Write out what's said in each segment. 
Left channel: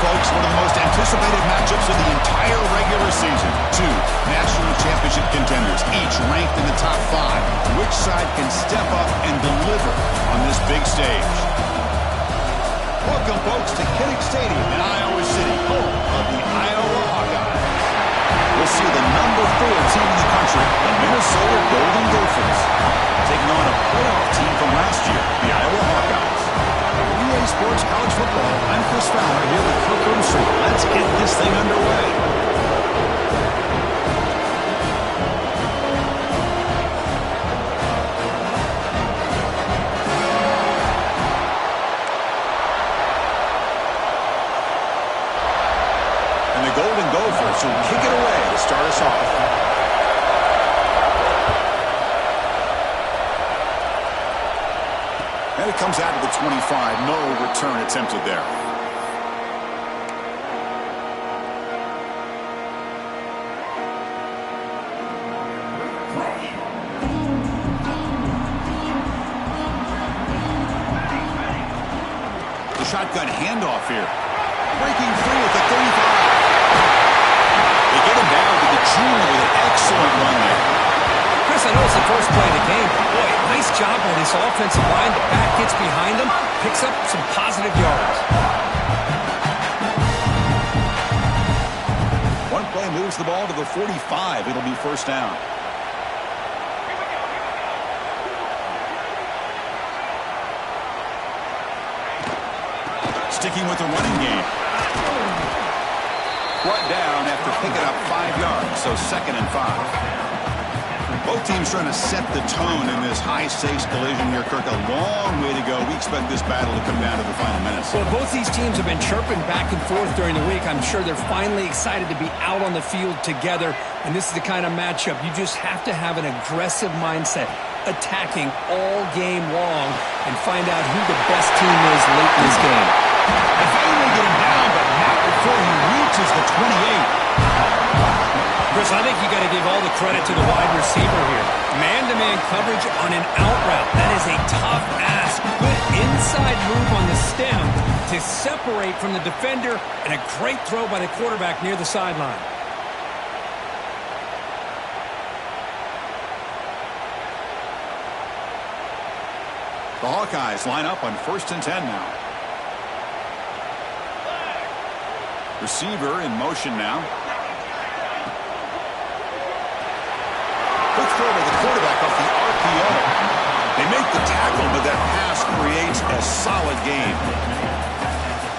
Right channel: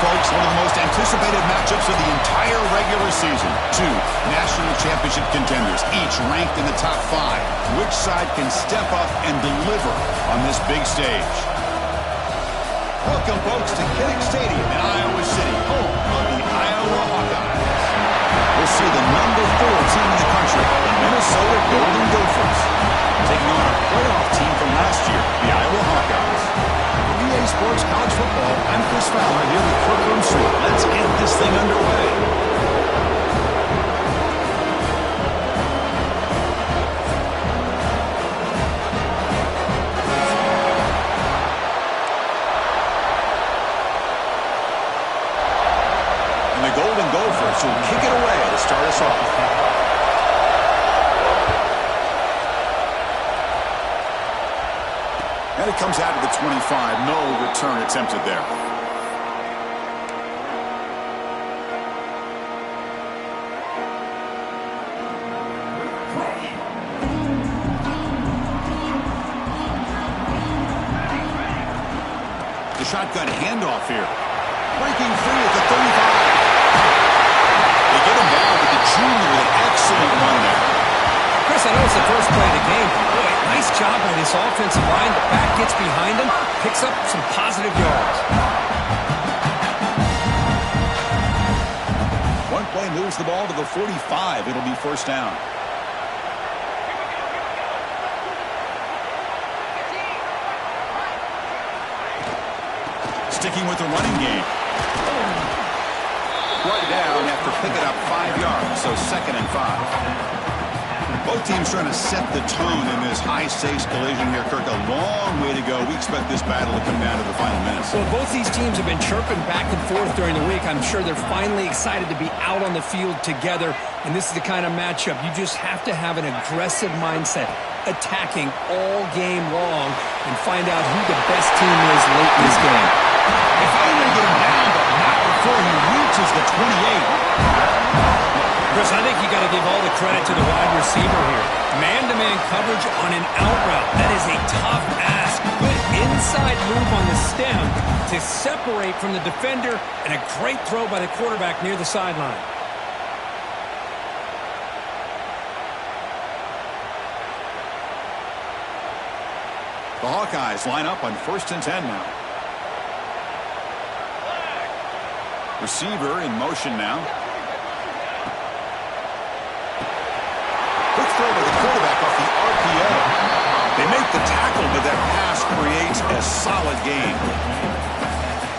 folks, one of the most anticipated matchups of the entire regular season. Two national championship contenders, each ranked in the top 5. Which side can step up and deliver on this big stage? Welcome, folks, to Kinnick Stadium in Iowa City, home of the Iowa Hawkeyes. We'll see the number 4 team in the country, the Minnesota Golden Gophers, taking on a playoff team from last year, the Iowa Hawkeyes. EA Sports College Football, I'm Chris Fowler here with Kirk Street. Let's get this thing underway. And the Golden Gophers will kick it away to start us off. And it comes out of the 25. No return attempted there. The shotgun handoff here. Breaking free at the 35. They get him down to the junior with an excellent run there. Chris, I know it's the first play of the game, but boy, nice job by this offensive line. The back gets behind him, picks up some positive yards. One play moves the ball to the 45. It'll be first down. Sticking with the running game. Brought down after picking up 5 yards, so 2nd and 5. Both teams trying to set the tone in this high-stakes collision here, Kirk. A long way to go. We expect this battle to come down to the final minutes. Well, both these teams have been chirping back and forth during the week. I'm sure they're finally excited to be out on the field together, and this is the kind of matchup you just have to have an aggressive mindset, attacking all game long, and find out who the best team is late in this game. They finally get him down, but not before he reaches the 28. Chris, I think you got to give all the credit to the wide receiver here. Man-to-man coverage on an out route. That is a tough ask. Good inside move on the stem to separate from the defender, and a great throw by the quarterback near the sideline. The Hawkeyes line up on 1st and 10 now. Receiver in motion now. Quick throw by the quarterback off the RPO. They make the tackle, but that pass creates a solid gain.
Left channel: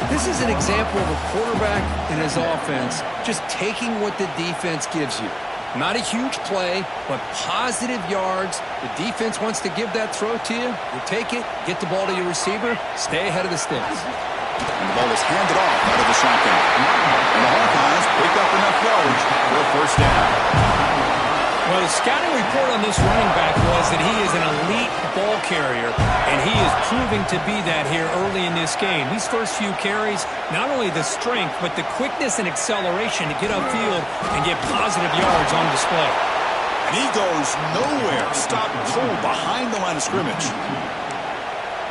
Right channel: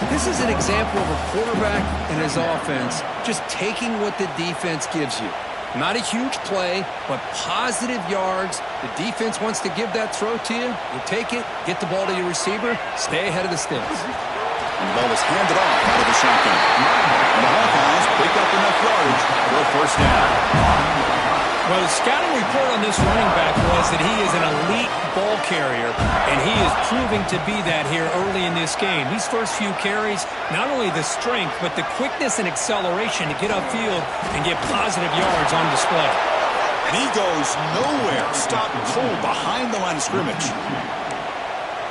This is an example of a quarterback and his offense just taking what the defense gives you. Not a huge play, but positive yards. The defense wants to give that throw to you. You take it, get the ball to your receiver, stay ahead of the sticks. And the ball is handed off out of the shotgun. And the Hawkeyes pick up enough yardage for a first down. Well, the scouting report on this running back was that he is an elite ball carrier, and he is proving to be that here early in this game. These first few carries, not only the strength, but the quickness and acceleration to get upfield and get positive yards on display. And he goes nowhere. Stopped cold behind the line of scrimmage.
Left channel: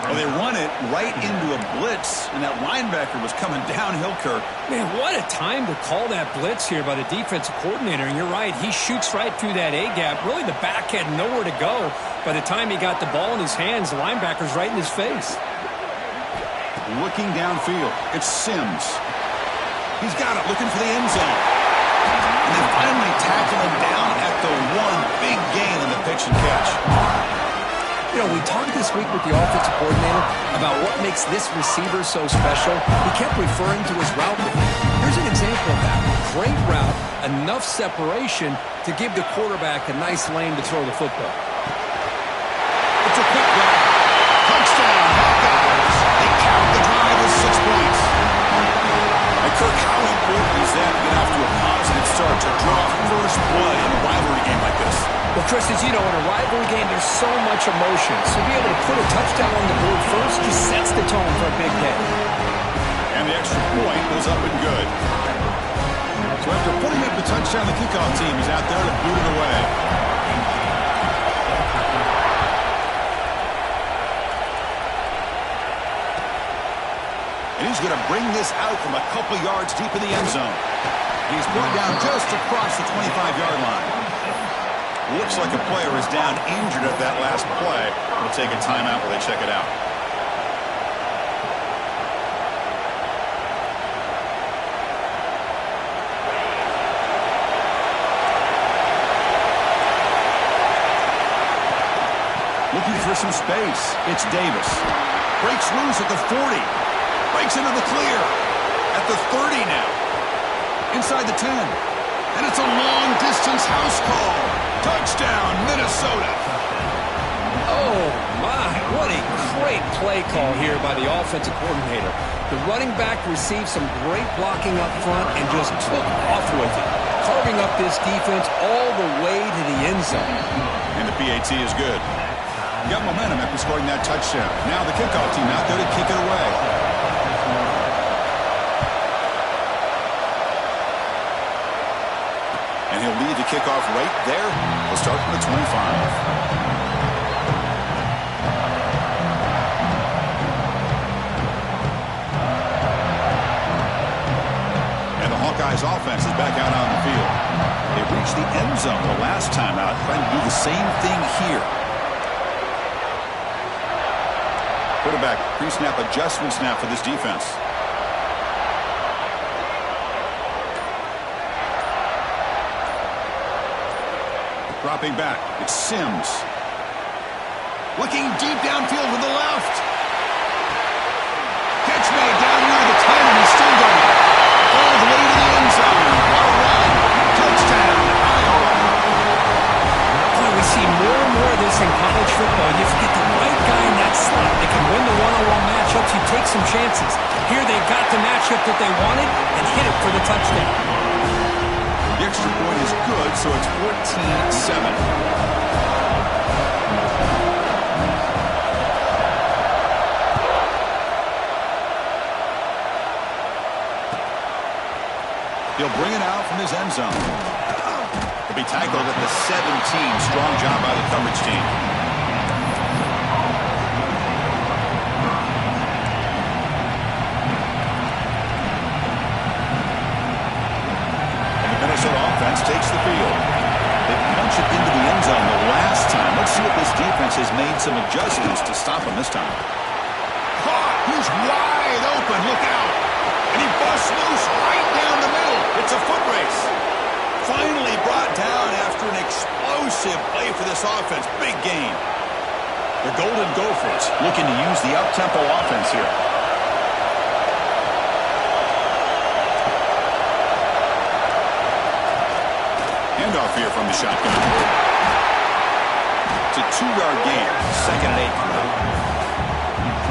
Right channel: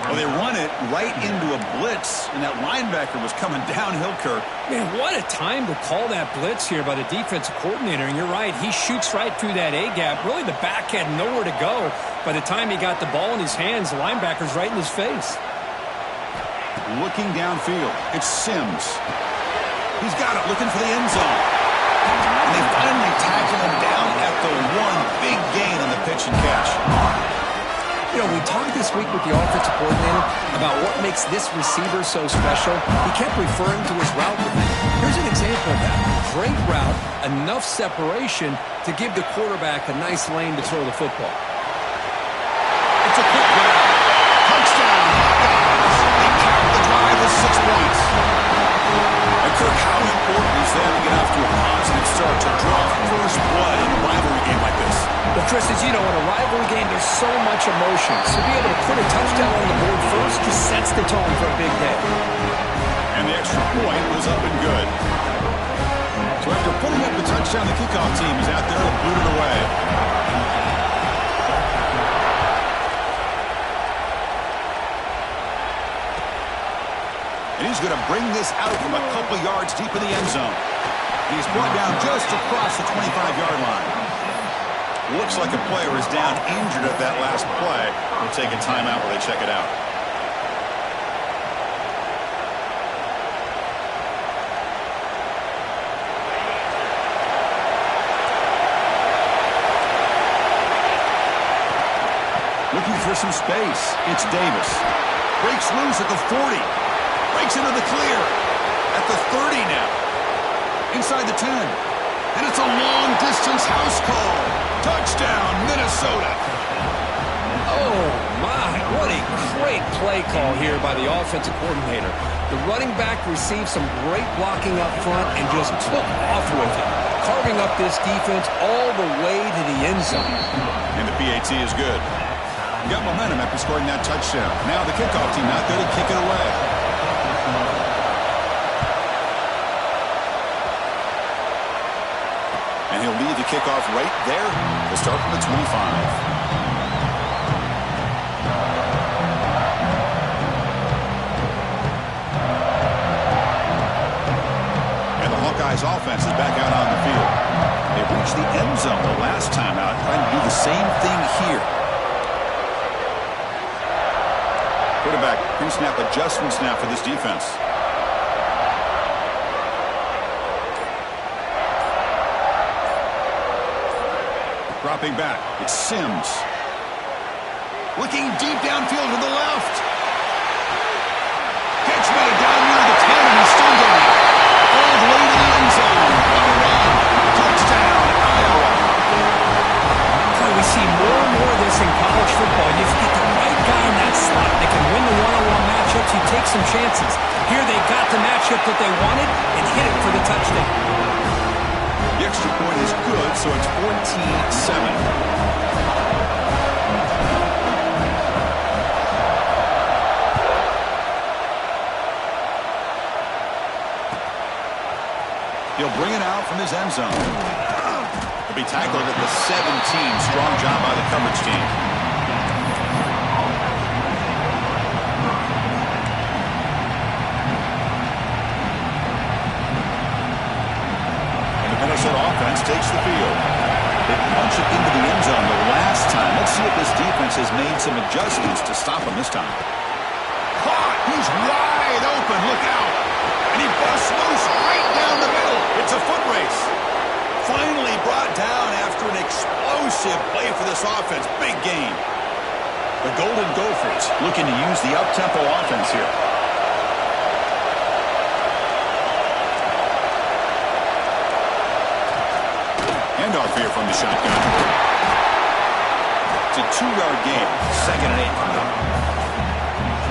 Well, they run it right into a blitz, and that linebacker was coming downhill, Kirk. Man, what a time to call that blitz here by the defensive coordinator. And you're right, he shoots right through that A-gap. Really, the back had nowhere to go. By the time he got the ball in his hands, the linebacker's right in his face. Looking downfield, it's Sims. He's got it, looking for the end zone. And they finally tackle him down at the 1. Big gain on the pitch and catch. You know, we talked this week with the offensive coordinator about what makes this receiver so special. He kept referring to his route with me. Here's an example of that. Great route, enough separation to give the quarterback a nice lane to throw the football. It's a quick grab. Touchdown, Hawkeyes. They cap the drive with 6 points. And Kirk, how important is that to get off to a positive start to draw first blood in a rivalry game like this? Well, Chris, as you know, in a rivalry game, there's so much emotion. So to be able to put a touchdown on the board first just sets the tone for a big day. And the extra point was up and good. So after putting up the touchdown, the kickoff team is out there to boot it away. And he's going to bring this out from a couple yards deep in the end zone. He's brought down just across the 25-yard line. Looks like a player is down injured at that last play. We'll take a timeout while they check it out. Looking for some space. It's Davis. Breaks loose at the 40. Breaks into the clear. At the 30 now. Inside the 10. And it's a long-distance house call. Touchdown, Minnesota. Oh, my. What a great play call here by the offensive coordinator. The running back received some great blocking up front and just took off with it, carving up this defense all the way to the end zone. And the PAT is good. Got momentum after scoring that touchdown. Now the kickoff team out there to kick it away. And he'll lead the kickoff right there. He'll start from the 25. And the Hawkeyes offense is back out on the field. They reached the end zone the last time out, trying to do the same thing here. Quarterback pre-snap adjustment snap for this defense. Dropping back, it's Sims. Looking deep downfield to the left. Catch made down near the 10, and he's still going. All the way to the end zone. What a run. Touchdown, Iowa. Boy, we see more and more of this in college football. You get the right guy in that slot. They can win the one-on-one matchups. You take some chances. Here they got the matchup that they wanted and hit it for the touchdown. The extra point is good, so it's 14-7. He'll bring it out from his end zone. He'll be tackled at the 17. Strong job by the coverage team. Minnesota offense takes the field. They punch it into the end zone the last time. Let's see if this defense has made some adjustments to stop him this time. Caught! He's wide open. Look out! And he busts loose right down the middle. It's a foot race. Finally brought down after an explosive play for this offense. Big game. The Golden Gophers looking to use the up-tempo offense here. Handoff here from the shotgun. It's a 2-yard gain. 2nd and 8 coming up.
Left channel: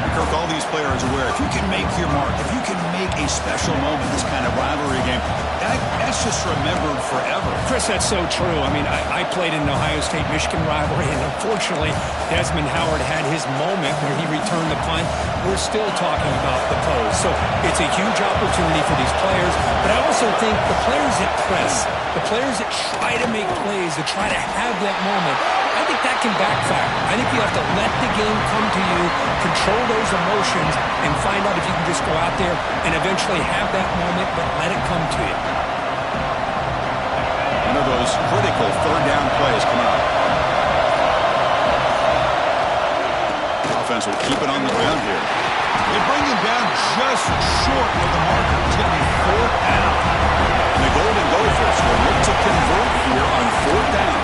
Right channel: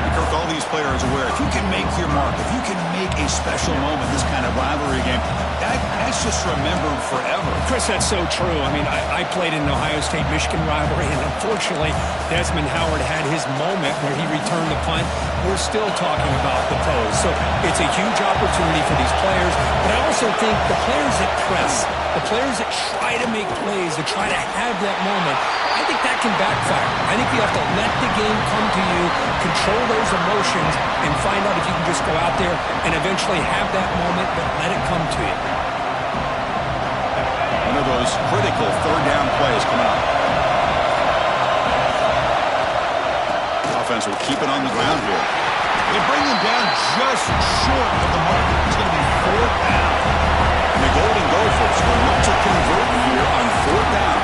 And Kirk, all these players are aware, if you can make your mark, if you can make a special moment, this kind of rivalry game, that's just remembered forever. Chris, that's so true. I mean, I played in an Ohio State-Michigan rivalry, and unfortunately, Desmond Howard had his moment where he returned the punt. We're still talking about the pose. So it's a huge opportunity for these players, but I also think the players that press, the players that try to make plays, that try to have that moment, I think that can backfire. I think you have to let the game come to you, control those emotions, and find out if you can just go out there and eventually have that moment, but let it come to you. One of those critical 3rd down plays coming up. Offense will keep it on the ground here. They bring him down just short of the marker. It's going to be 4th down. And the Golden Gophers will look to convert here on 4th down.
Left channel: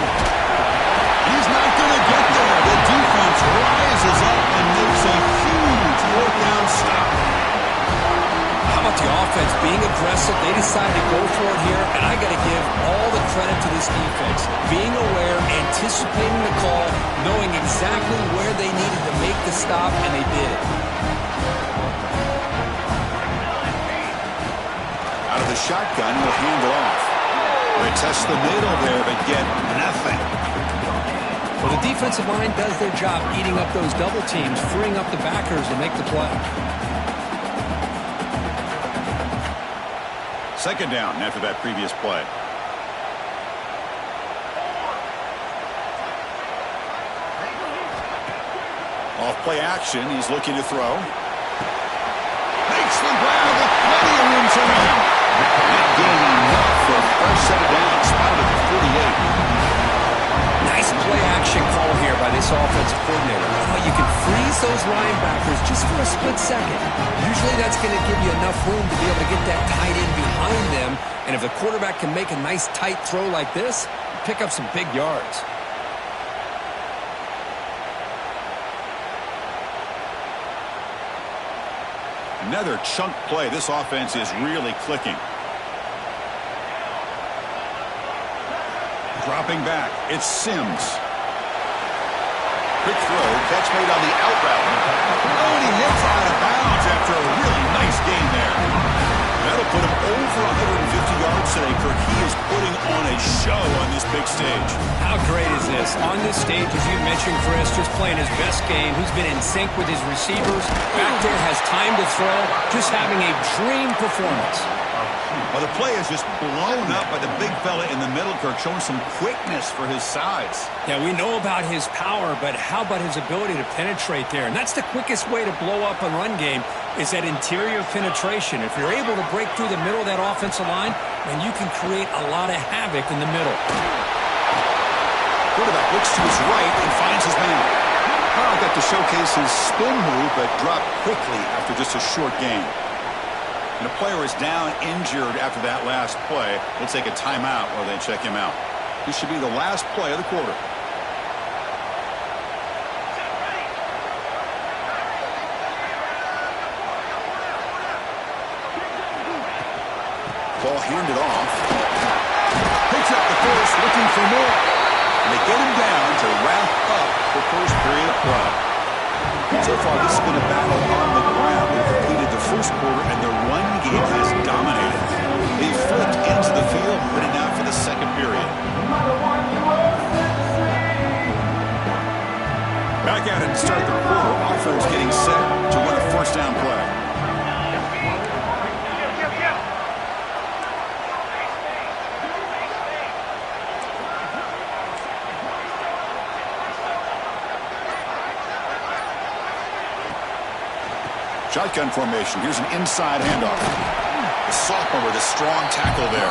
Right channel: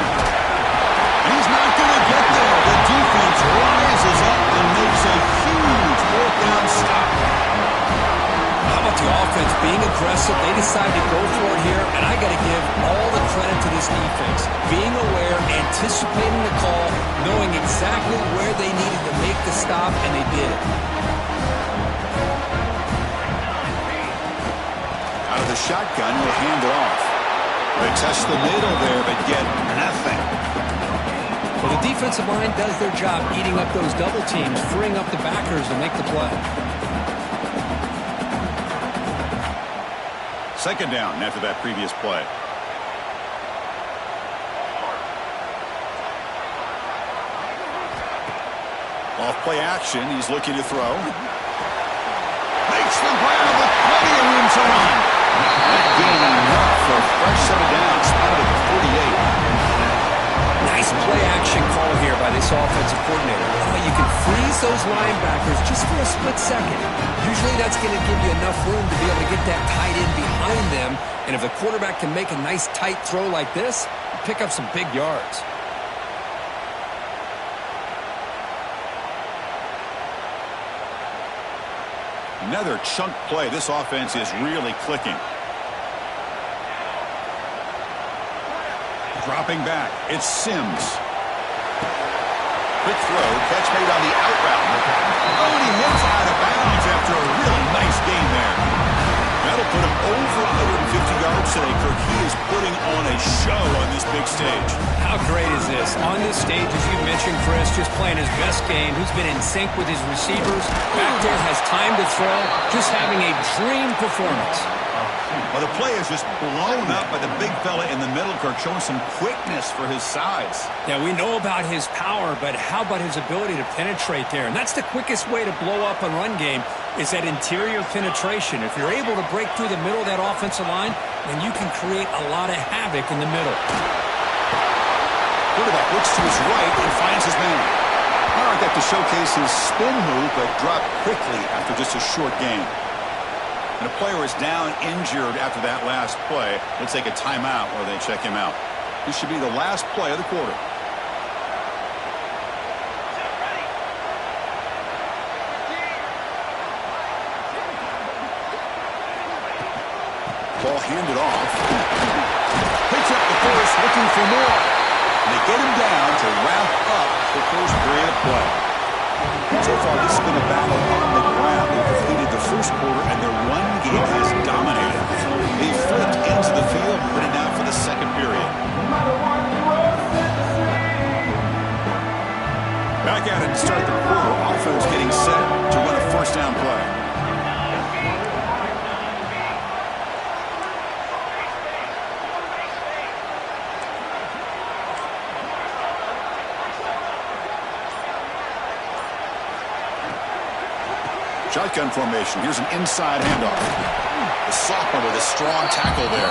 He's not going to get there. The defense rises up and makes a huge 4th down stop. How about the offense being aggressive? They decided to go for it here, and I got to give all the credit to this defense. Being aware, anticipating the call, knowing exactly where they needed to make the stop, and they did it. Out of the shotgun, he'll hand it off. They test the middle there, but get nothing. Well, the defensive line does their job eating up those double teams, freeing up the backers to make the play. 2nd down after that previous play. Off play action, he's looking to throw. Makes makes the grab with plenty of room to run. Not gaining enough for a fresh set of downs. Spotted at the 48. Nice play-action call here by this offensive coordinator. Oh, you can freeze those linebackers just for a split second. Usually that's going to give you enough room to be able to get that tight end behind them. And if the quarterback can make a nice tight throw like this, you pick up some big yards. Another chunk play. This offense is really clicking. Dropping back, it's Sims. Quick throw, catch made on the out route. Oh, and he hits out of bounds after a really nice game there. That'll put him over 150 yards today, Kirk. He is putting on a show on this big stage. How great is this? On this stage, as you mentioned, Chris, just playing his best game. He's been in sync with his receivers. Back there, has time to throw. Just having a dream performance. Well, the play is just blown up by the big fella in the middle, Kirk, showing some quickness for his size. Yeah, we know about his power, but how about his ability to penetrate there? And that's the quickest way to blow up a run game is that interior penetration. If you're able to break through the middle of that offensive line, then you can create a lot of havoc in the middle. Quarterback looks to his right and finds his man. Oh, got to showcase his spin move, but dropped quickly after just a short gain. And a player is down injured after that last play. We'll take a timeout while they check him out. This should be the last play of the quarter. Ball handed off. Picks up the first, looking for more. And they get him down to wrap up the first period of play. So far, this has been a battle on the ground. They completed the first quarter, and their run game has dominated. They flipped into the field, put it out for the second period. Back at it to start the quarter. Offense getting set to run a first down play. Shotgun formation. Here's an inside handoff. The sophomore with a strong tackle there.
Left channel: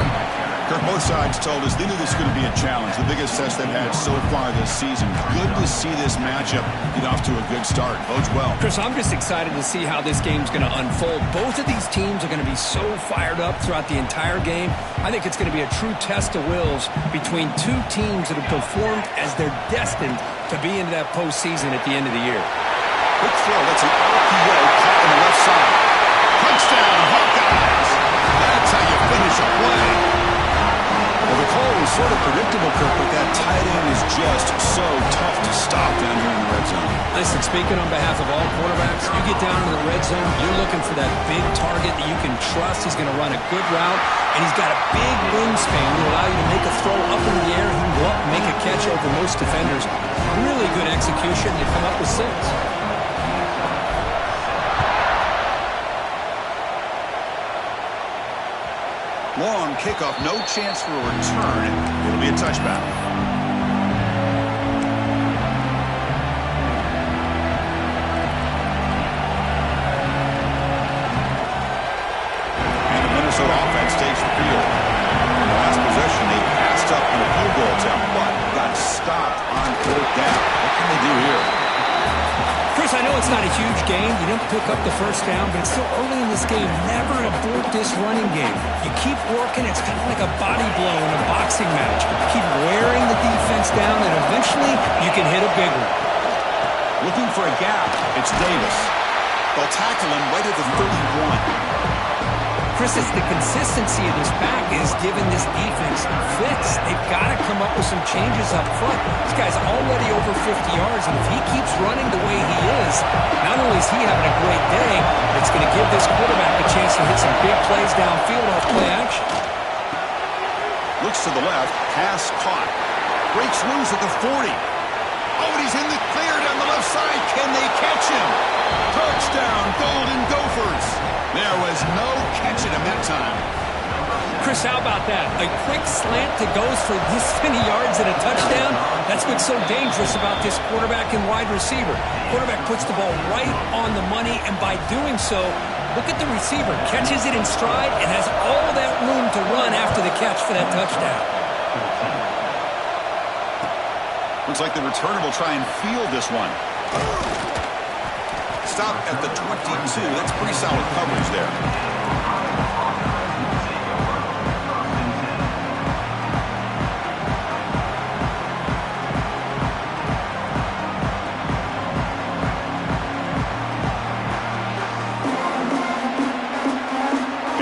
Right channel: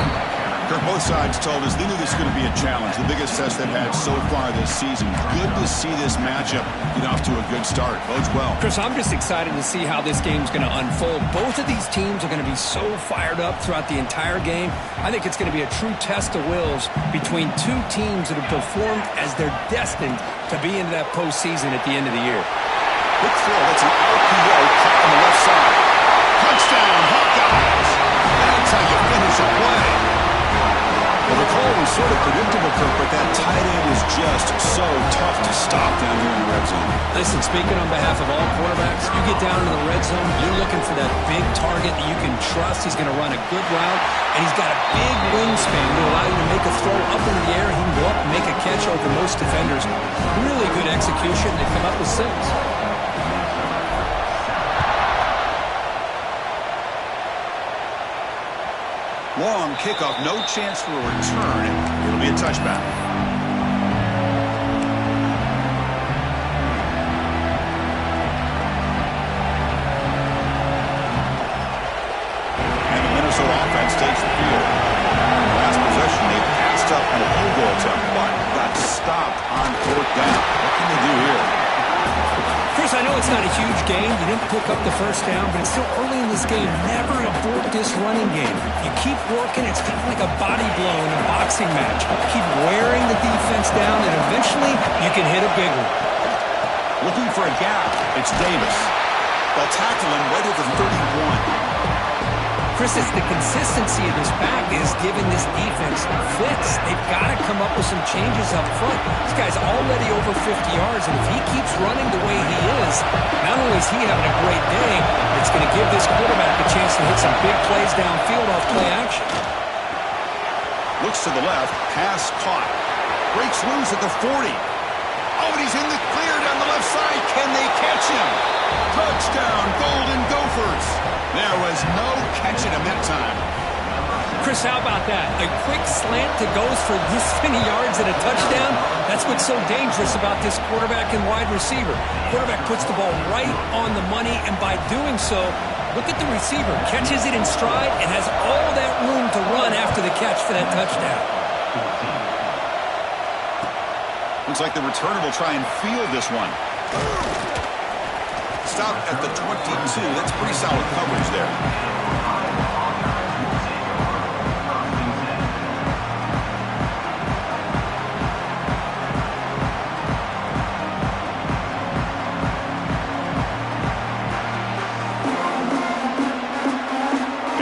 Kirk, both sides told us they knew this was going to be a challenge. The biggest test they've had so far this season. Good to see this matchup get off to a good start. Bodes well. Chris, I'm just excited to see how this game's going to unfold. Both of these teams are going to be so fired up throughout the entire game. I think it's going to be a true test of wills between two teams that have performed as they're destined to be into that postseason at the end of the year. Quick throw. That's an RPO caught on the left side. Touchdown, Hawkeyes. That's how you finish a play. Well, the call was sort of predictable, Kirk, but that tight end is just so tough to stop down here in the red zone. Listen, speaking on behalf of all quarterbacks, you get down to the red zone, you're looking for that big target that you can trust. He's going to run a good route, and he's got a big wingspan to allow you to make a throw up into the air. He can go up and make a catch over most defenders. Really good execution. They come up with 6. Long kickoff, no chance for a return. It'll be a touchback. And the Minnesota offense takes the field. In the last possession, they passed up on a field goal attempt, but got stopped on 4th down. What can they do here? Chris, I know it's not a huge game. You didn't pick up the first down, but it's still early in this game. Never abort this running game. You keep working. It's kind of like a body blow in a boxing match. Keep wearing the defense down, and eventually you can hit a big one. Looking for a gap. It's Davis. They'll tackle him right at the 31. Chris, it's the consistency of this back is giving this defense fits. They've got to come up with some changes up front. This guy's already over 50 yards, and if he keeps running the way he is, not only is he having a great day, but it's going to give this quarterback a chance to hit some big plays downfield off play action. Looks to the left, pass caught. Breaks loose at the 40. Oh, and he's in the clear down the left side. Can they catch him? Touchdown, Golden Gophers. There was no catching him that time. Chris, how about that? A quick slant that goes for this many yards and a touchdown? That's what's so dangerous about this quarterback and wide receiver. Quarterback puts the ball right on the money, and by doing so, Look at the receiver. Catches it in stride and has all that room to run after the catch for that touchdown. Looks like the returner will try and field this one. Stop at the 22. That's pretty solid coverage there.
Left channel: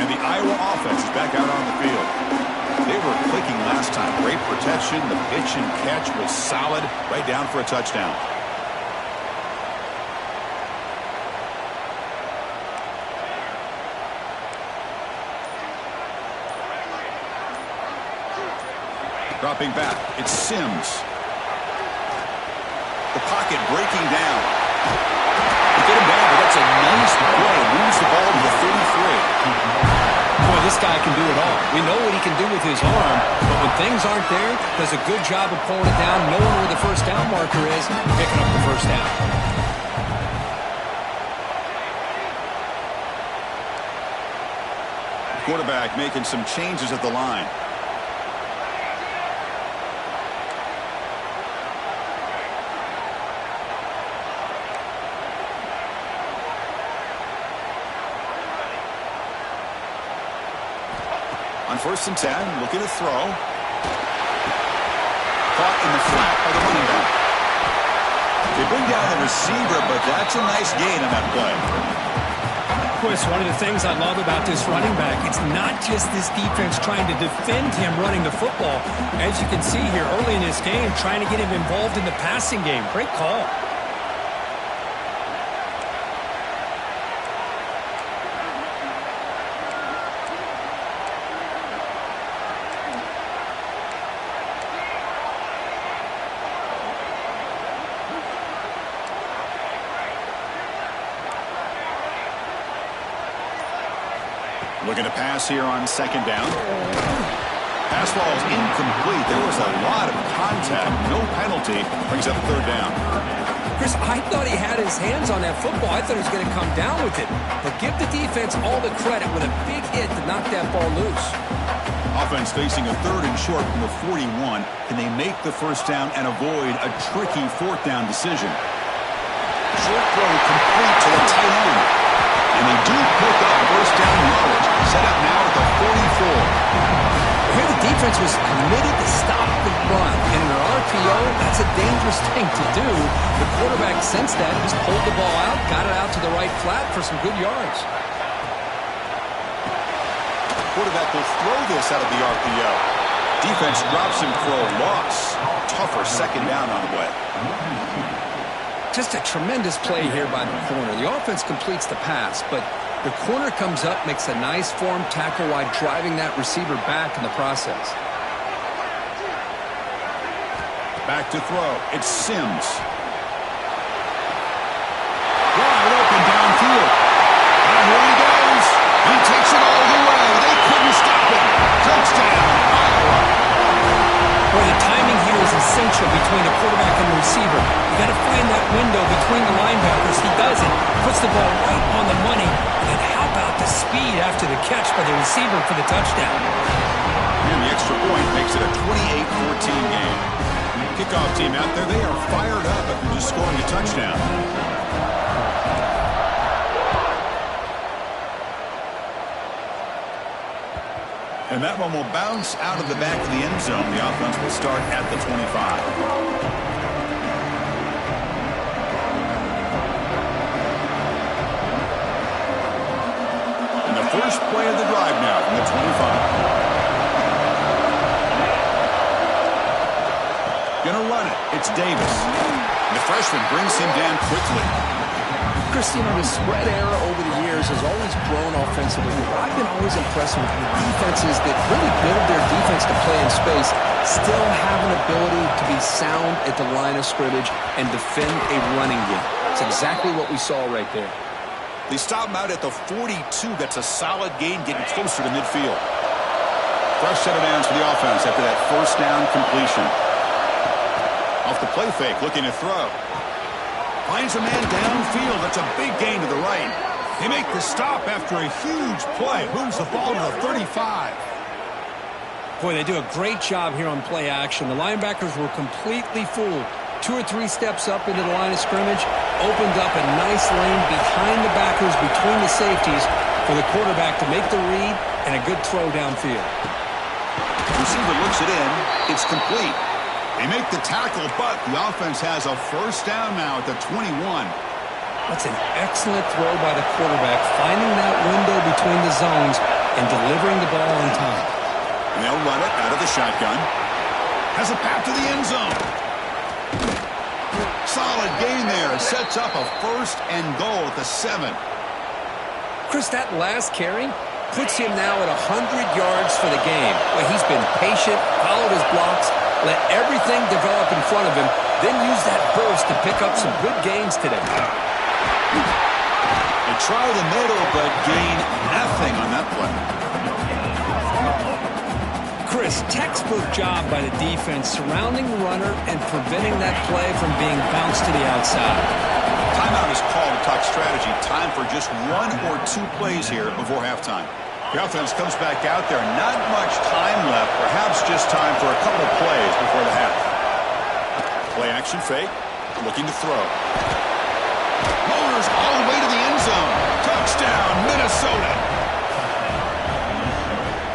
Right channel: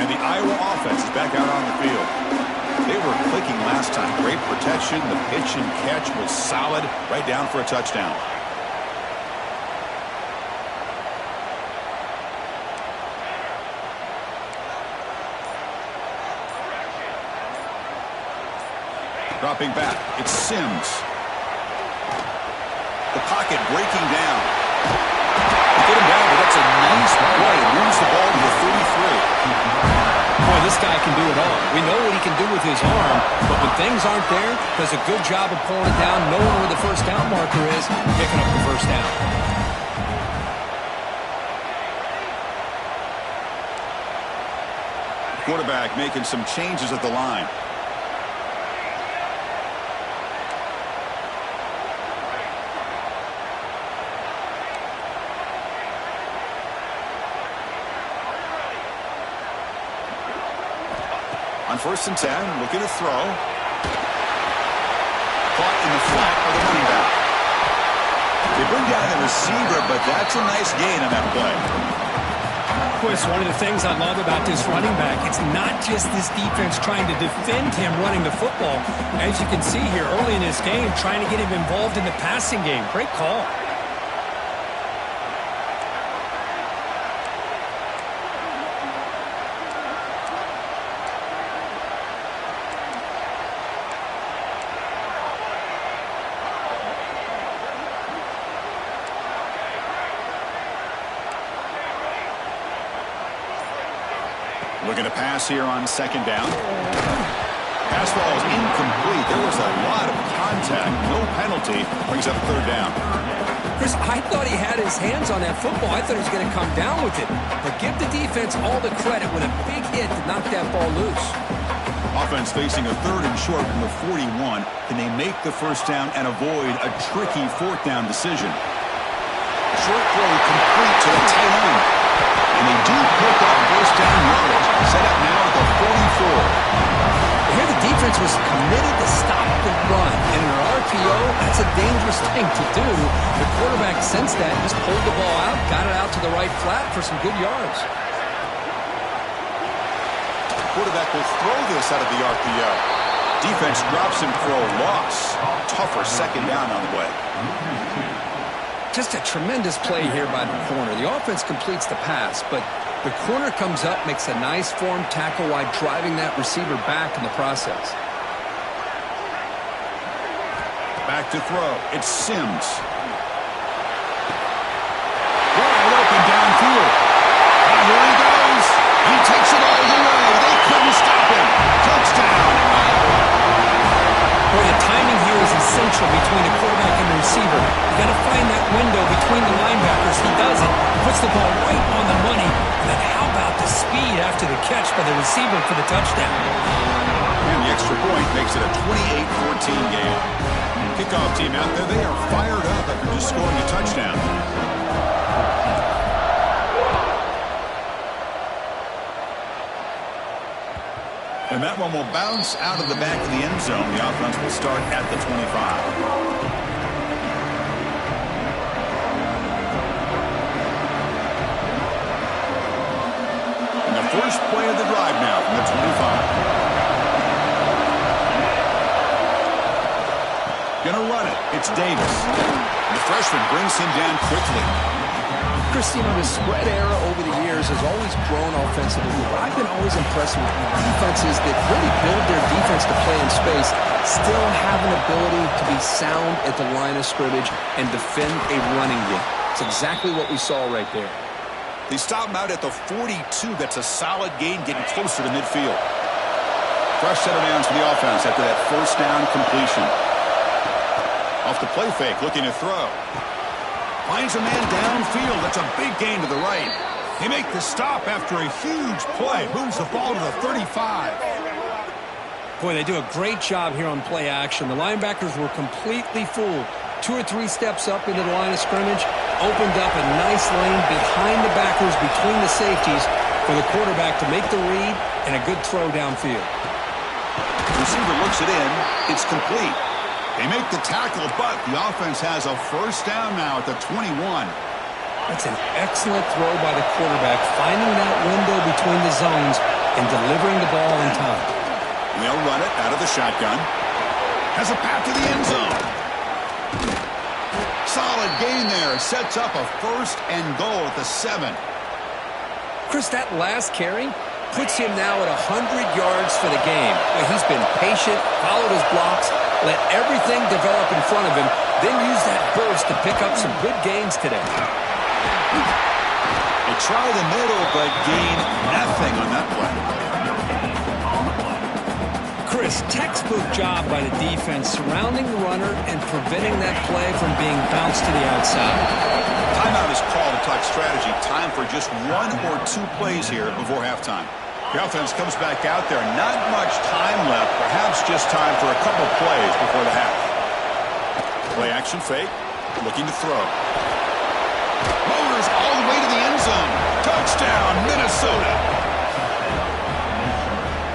And the Iowa offense is back out on the field. They were clicking last time. Great protection. The pitch and catch was solid. Right down for a touchdown. Dropping back, it's Sims. The pocket breaking down. They get him down, but that's a nice play. Moves the ball to the 33. Boy, this guy can do it all. We know what he can do with his arm, but when things aren't there, does a good job of pulling it down, knowing where the first down marker is, picking up the first down. Quarterback making some changes at the line. On 1st and 10, looking to throw. Caught in the flat by the running back. They bring down the receiver, but that's a nice gain on that play. Chris, one of the things I love about this running back, it's not just this defense trying to defend him running the football. As you can see here early in this game, trying to get him involved in the passing game. Great call. Looking to pass here on 2nd down. Pass ball is incomplete. There was a lot of contact. No penalty. Brings up 3rd down. Chris, I thought he had his hands on that football. I thought he was going to come down with it. But give the defense all the credit with a big hit to knock that ball loose. Offense facing a 3rd and short from the 41. Can they make the 1st down and avoid a tricky 4th down decision? Short throw complete to the tight end. And they do pick up 1st down yardage. Set up now at the 44. Here the defense was committed to stop the run. And in an RPO, that's a dangerous thing to do. The quarterback sensed that, just pulled the ball out, got it out to the right flat for some good yards. Quarterback will throw this out of the RPO. Defense drops him for a loss. Tougher 2nd down on the way. Just a tremendous play here by the corner. The offense completes the pass, but the corner comes up, makes a nice form tackle while driving that receiver back in the process. Back to throw. It's Sims. Wide open downfield. Here he goes. He takes it all the way. They couldn't stop him. Touchdown, Iowa. Boy, the timing here is essential between the quarterback and the receiver. You got to find that window between the linebackers. He does it. Puts the ball right on the money. And then how about the speed after the catch by the receiver for the touchdown? And the extra point makes it a 28-14 game. Kickoff team out there, they are fired up after just scoring a touchdown. And that one will bounce out of the back of the end zone. The offense will start at the 25. And the first play of the drive now from the 25. Gonna run it. It's Davis. And the freshman brings him down quickly. Chris, you know, the spread era over the years has always grown offensively. But I've been always impressed with defenses that really build their defense to play in space, still have an ability to be sound at the line of scrimmage and defend a running game. It's exactly what we saw right there. They stop him out at the 42. That's a solid gain, getting closer to midfield. Fresh set of downs for the offense after that 1st down completion. Off the play fake, looking to throw. Finds a man downfield. That's a big gain to the right. They make the stop after a huge play. Moves the ball to the 35. Boy, they do a great job here on play action. The linebackers were completely fooled. 2 or 3 steps up into the line of scrimmage, opened up a nice lane behind the backers, between the safeties, for the quarterback to make the read and a good throw downfield. Receiver looks it in. It's complete. They make the tackle, but the offense has a first down now at the 21. That's an excellent throw by the quarterback, finding that window between the zones and delivering the ball on time. And they'll run it out of the shotgun. Has a path to the end zone. Solid gain there. Sets up a first and goal at the 7. Chris, that last carry puts him now at 100 yards for the game. Well, he's been patient, followed his blocks, let everything develop in front of him, then use that burst to pick up some good gains today. They try the middle, but gain nothing on that play. Chris, textbook job by the defense surrounding the runner and preventing that play from being bounced to the outside. Timeout is called to talk strategy. Time for just 1 or 2 plays here before halftime. The offense comes back out there. Not much time left. Perhaps just time for a couple plays before the half. Play action fake. Looking to throw. Motors all the way to the end zone. Touchdown, Minnesota.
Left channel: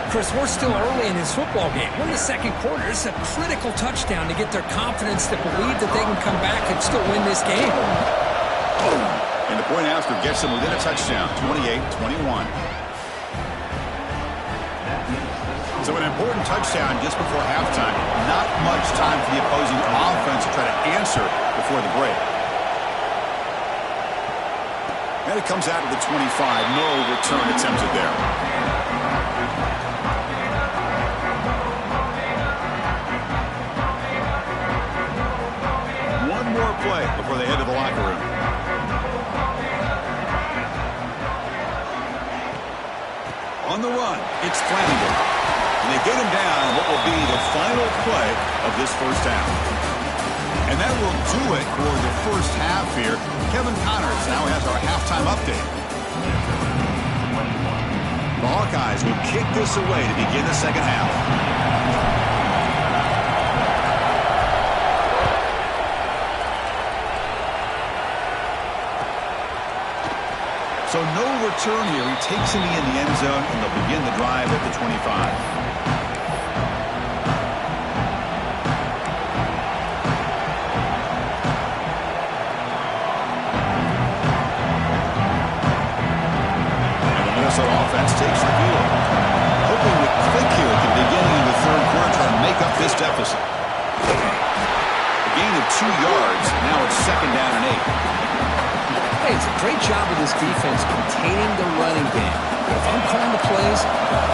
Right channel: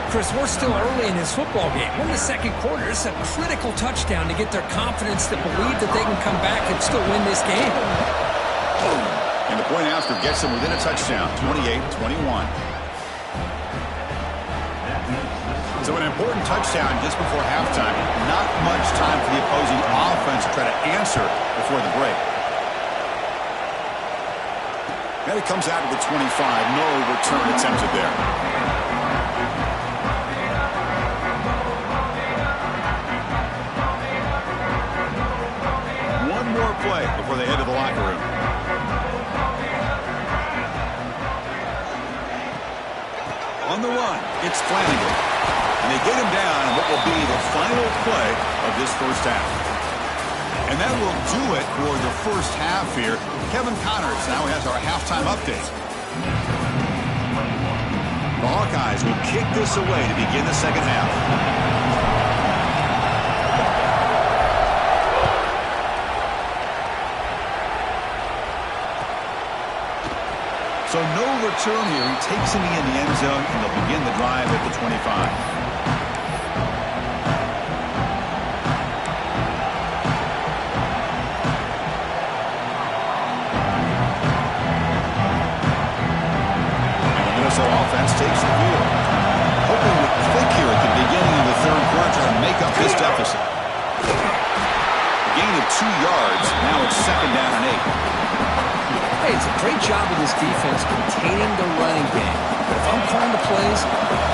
Chris, we're still early in this football game. We're in the second quarter. It's a critical touchdown to get their confidence to believe that they can come back and still win this game. And the point after gets them within a touchdown, 28-21. So an important touchdown just before halftime. Not much time for the opposing offense to try to answer before the break. And it comes out to the 25. No return attempted there. One more play before they head to the locker room. On the run, it's Flanagan. And they get him down in what will be the final play of this first half. And that will do it for the first half here. Kevin Connors now has our halftime update. The Hawkeyes will kick this away to begin the second half. So no return here. He takes him in the end zone, and they'll begin the drive at the 25. Minnesota offense takes the field. Hoping to click here at the beginning of the third quarter, trying to make up this deficit. A gain of 2 yards. Now it's second down and 8. Hey, it's a great job of this defense containing the running game. But if I'm calling the plays,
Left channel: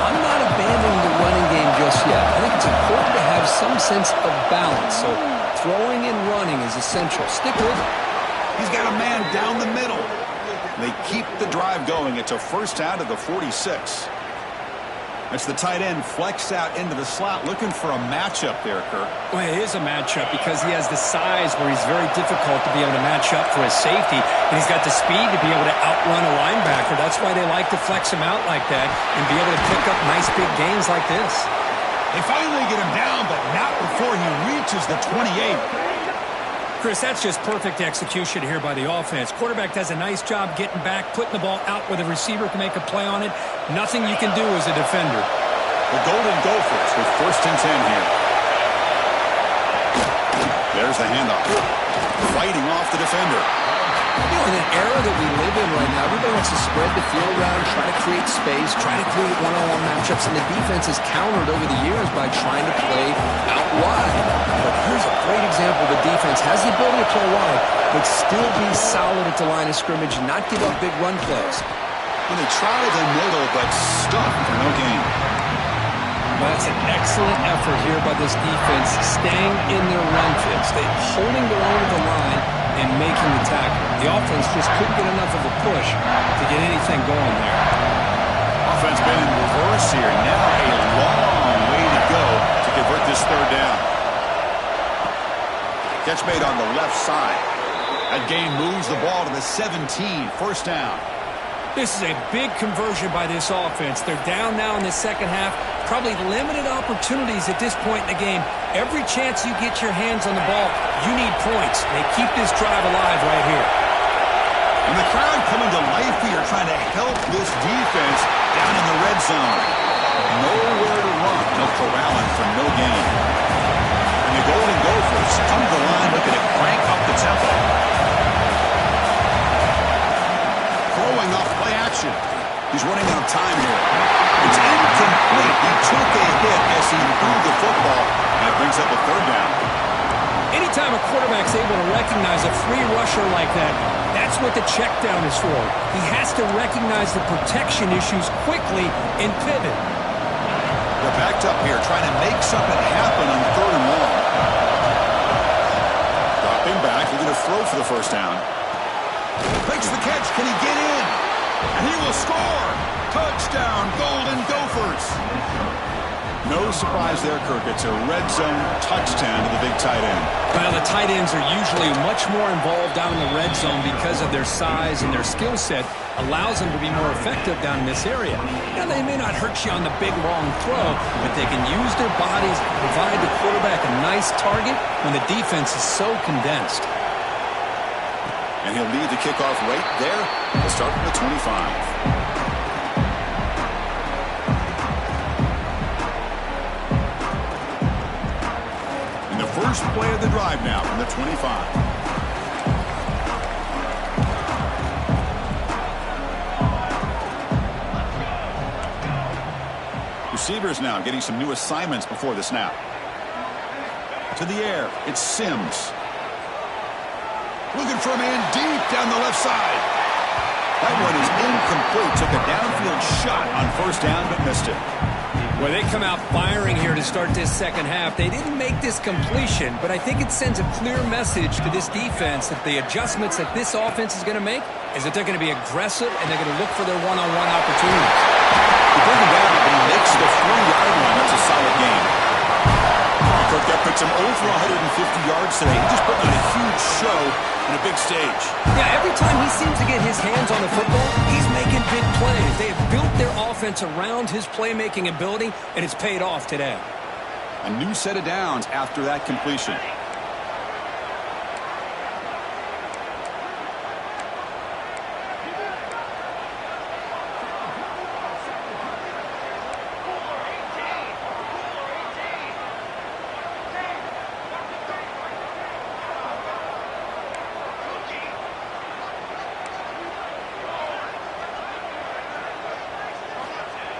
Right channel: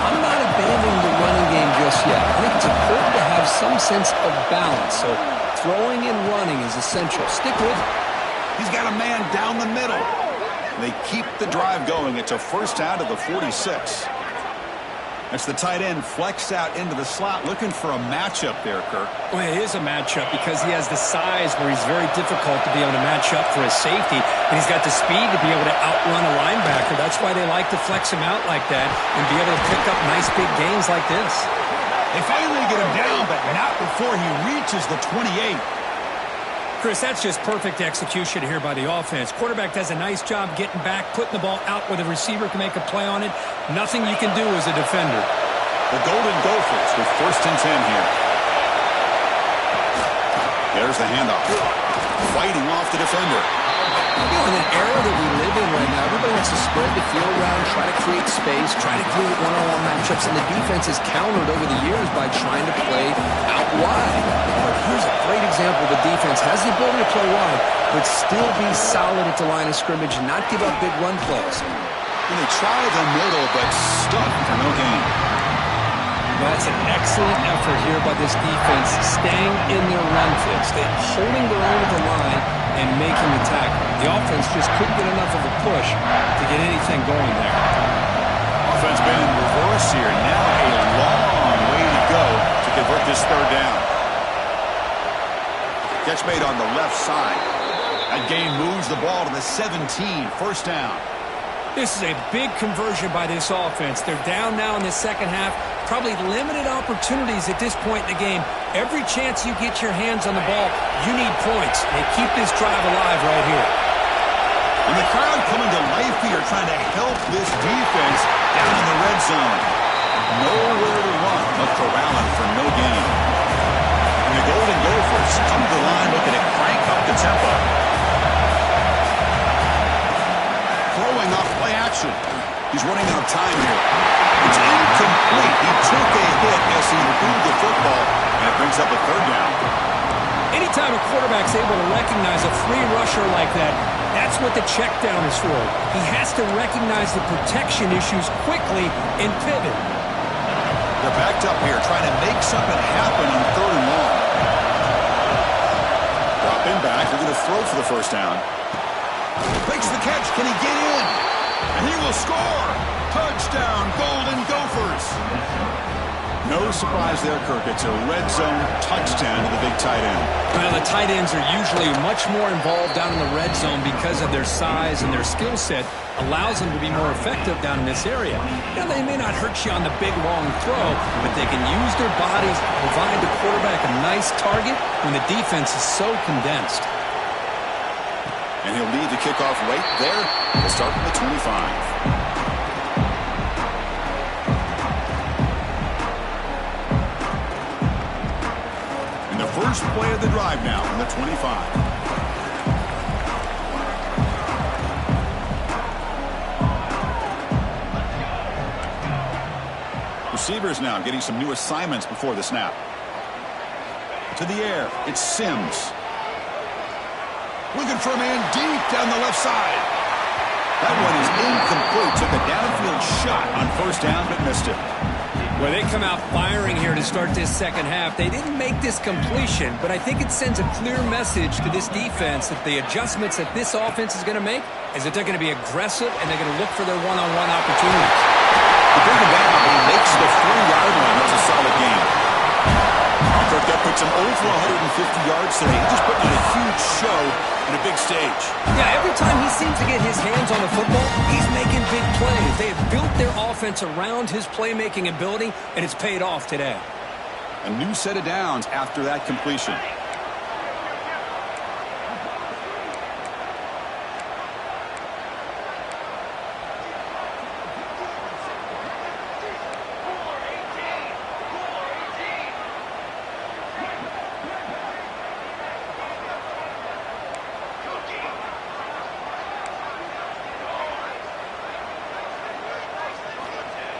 I'm not abandoning the running game just yet. I think it's important to have some sense of balance. So throwing and running is essential. Stick with it. He's got a man down the middle. They keep the drive going. It's a first down to the 46. That's the tight end flexed out into the slot, looking for a matchup there, Kirk. Well, it is a matchup because he has the size where he's very difficult to be able to match up for his safety, and he's got the speed to be able to outrun a linebacker. That's why they like to flex him out like that and be able to pick up nice big gains like this. They finally get him down, but not before he reaches the 28. Chris, that's just perfect execution here by the offense. Quarterback does a nice job getting back, putting the ball out where the receiver can make a play on it. Nothing you can do as a defender. The Golden Gophers with first and 10 here. There's the handoff. Fighting off the defender. You know, in an era that we live in right now, everybody wants to spread the field around, try to create space, try to create one-on-one matchups, and the defense has countered over the years by trying to play out wide. But here's a great example. The defense has the ability to play wide, but still be solid at the line of scrimmage and not give up big run plays. And they try the middle, but stuck for no gain. Well, that's an excellent effort here by this defense, staying in their run fits. They're holding their own at the line and making the tackle. The offense just couldn't get enough of a push to get anything going there. Offense been in reverse here. Now a long way to go to convert this third down. Catch made on the left side. That gain moves the ball to the 17. First down. This is a big conversion by this offense. They're down now in the second half. Probably limited opportunities at this point in the game. Every chance you get your hands on the ball, you need points. They keep this drive alive right here. And the crowd coming to life here, trying to help this defense down in the red zone. Nowhere to run. No corralling for no gain. And the Golden Gophers come to the line looking to crank up the tempo. Throwing off play action. He's running out of time here. It's incomplete. He took a hit as he threw the football, and it brings up a third down. Anytime a quarterback's able to recognize a free rusher like that, that's what the check down is for. He has to recognize the protection issues quickly and pivot. They're backed up here, trying to make something happen on third and long. Dropping back, looking to throw for the first down. Makes the catch. Can he get in? And he will score. Touchdown, Golden Gophers. No surprise there, Kirk. It's a red zone touchdown to the big tight end. Well, the tight ends are usually much more involved down in the red zone because of their size and their skill set. Allows them to be more effective down in this area. Now, they may not hurt you on the big, long throw, but they can use their bodies to provide the quarterback a nice target when the defense is so condensed. And he'll lead the kickoff right there. We'll start from the 25. And the first play of the drive now from the 25. Receivers now getting some new assignments before the snap. To the air, it's Sims. Looking for a man deep down the left side. That one is incomplete. Took a downfield shot on first down, but missed it. Well, they come out firing here to start this second half. They didn't make this completion, but I think it sends a clear message to this defense that the adjustments that this offense is going to make is that they're going to be aggressive and they're going to look for their one-on-one opportunities. They bring him down, but he makes the 3-yard line. That's a solid game. Kirk, that puts him over 150 yards today. He just put on a huge show in a big stage. Yeah, every time he seems to get his hands on the football, he's making big plays. They have built their offense around his playmaking ability, and it's paid off today. A new set of downs after that completion.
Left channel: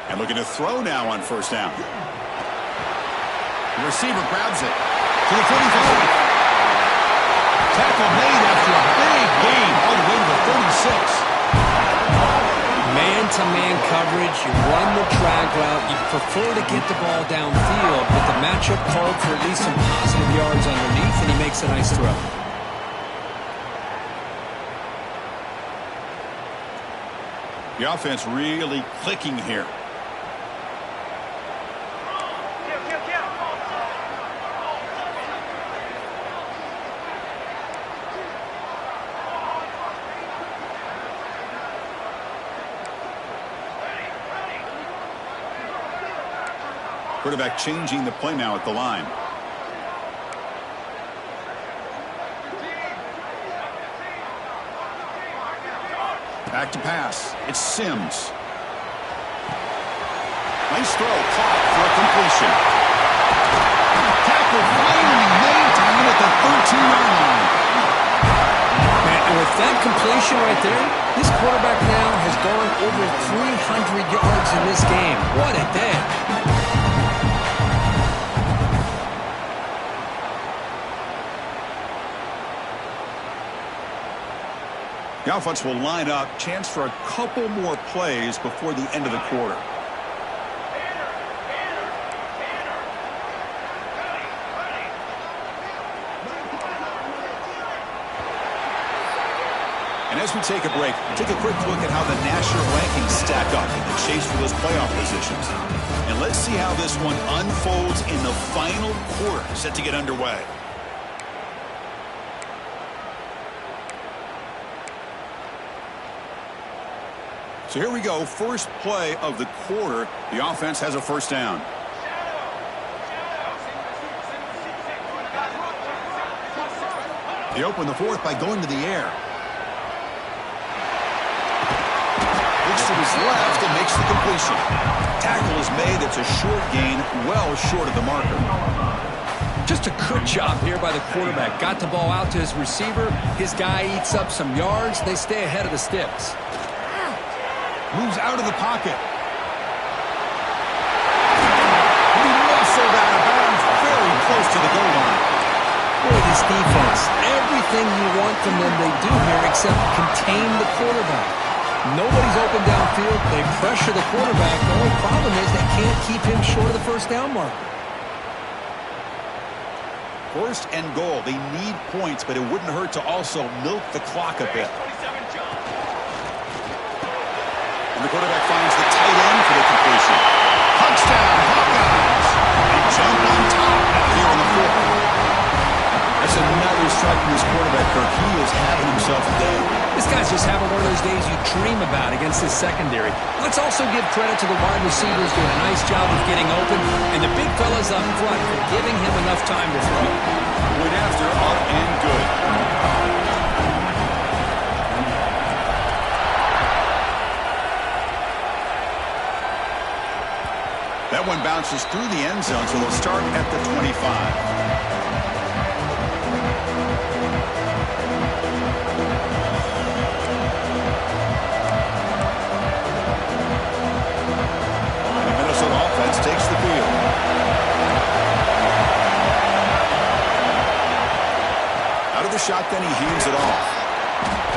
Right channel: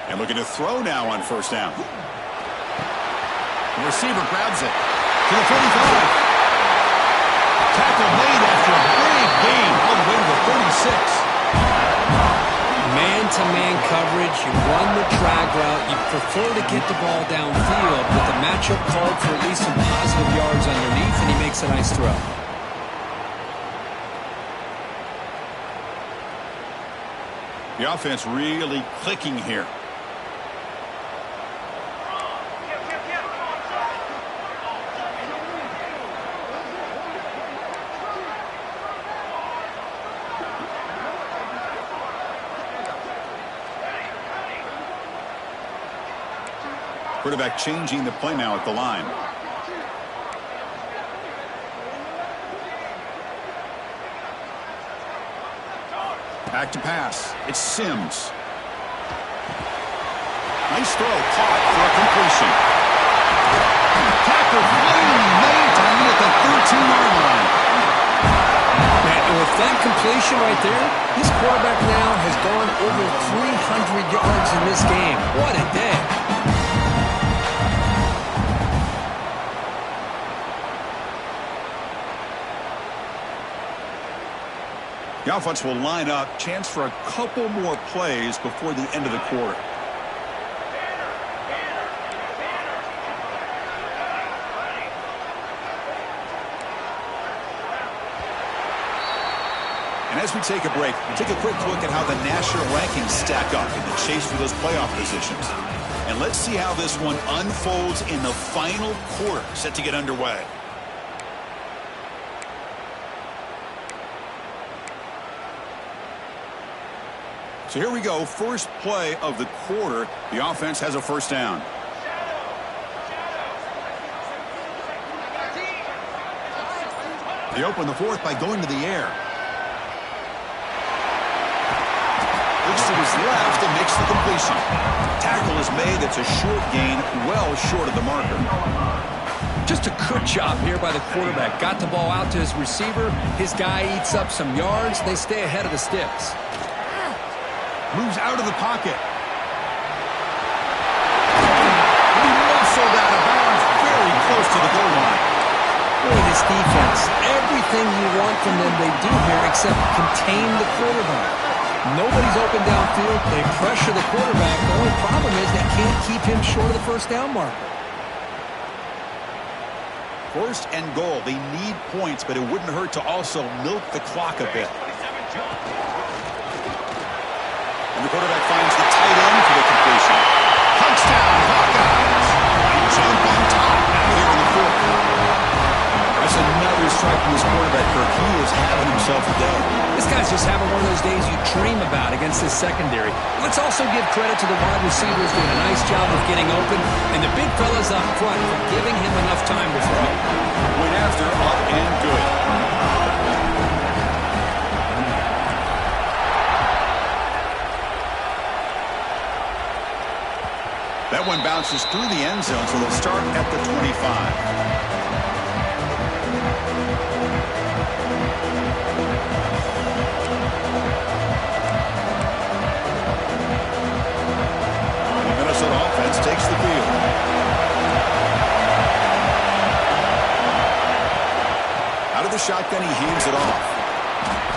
And looking to throw now on first down. The receiver grabs it to the 45. Tackle made after a big gain all the way to the 36. Man-to-man coverage, you run the drag route, you prefer to get the ball downfield, but the matchup called for at least some positive yards underneath, and he makes a nice throw. The offense really clicking here. Quarterback changing the play now at the line. Back to pass. It's Sims. Nice throw. Caught for a completion. Tackle finally made to win at the 13-yard line. Man, and with that completion right there, this quarterback now has gone over 300 yards in this game. What a day. The offense will line up. Chance for a couple more plays before the end of the quarter. And as we take a break, take a quick look at how the national rankings stack up in the chase for those playoff positions. And let's see how this one unfolds in the final quarter set to get underway. So here we go, first play of the quarter. The offense has a first down. They open the fourth by going to the air. Looks to his left and makes the completion. Tackle is made. It's a short gain, well short of the marker. Just a good job here by the quarterback. Got the ball out to his receiver. His guy eats up some yards. They stay ahead of the sticks. Moves out of the pocket. He muscled out of bounds very close to the goal line. Boy, this defense, everything you want from them they do here except contain the quarterback. Nobody's open downfield. They pressure the quarterback. The only problem is they can't keep him short of the first down marker. First and goal. They need points, but it wouldn't hurt to also milk the clock a bit. And the quarterback finds the tight end for the completion. Touchdown, Hawkeyes! They jump on top now here in the fourth. That's another strike from this quarterback, Kirk. He is having himself a day. This guy's just having one of those days you dream about against this secondary. Let's also give credit to the wide receivers doing a nice job of getting open, and the big fellas up front for giving him enough time to throw. Point after, up and good. That one bounces through the end zone, so they'll start at the 25. Offense takes the field. Out of the shotgun, he hands it off.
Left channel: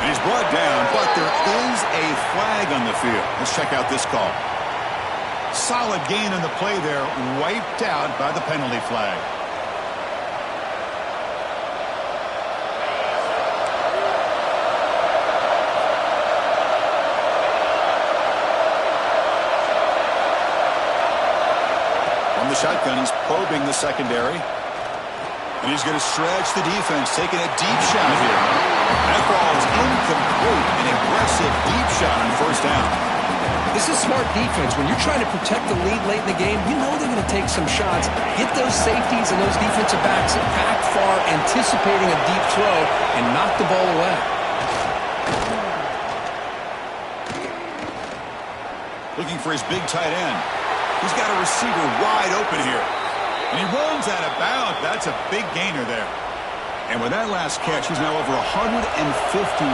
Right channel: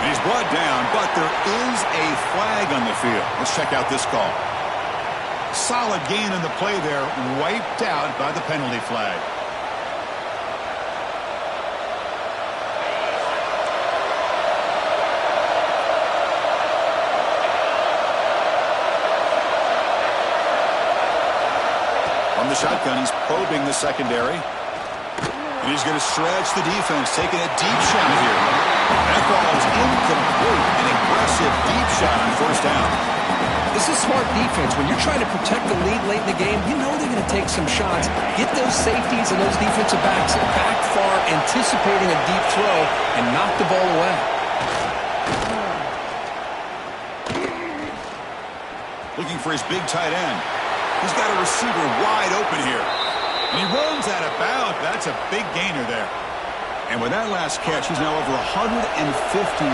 And he's brought down, but there is a flag on the field. Let's check out this call. Solid gain on the play there, wiped out by the penalty flag. From the shotgun, he's probing the secondary. And he's going to stretch the defense, taking a deep shot here. That ball is incomplete. An aggressive deep shot on first down. This is smart defense. When you're trying to protect the lead late in the game, you know they're going to take some shots. Get those safeties and those defensive backs back far, anticipating a deep throw, and knock the ball away. Looking for his big tight end. He's got a receiver wide open here. And he runs out of bounds. That's a big gainer there. And with that last catch, he's now over 150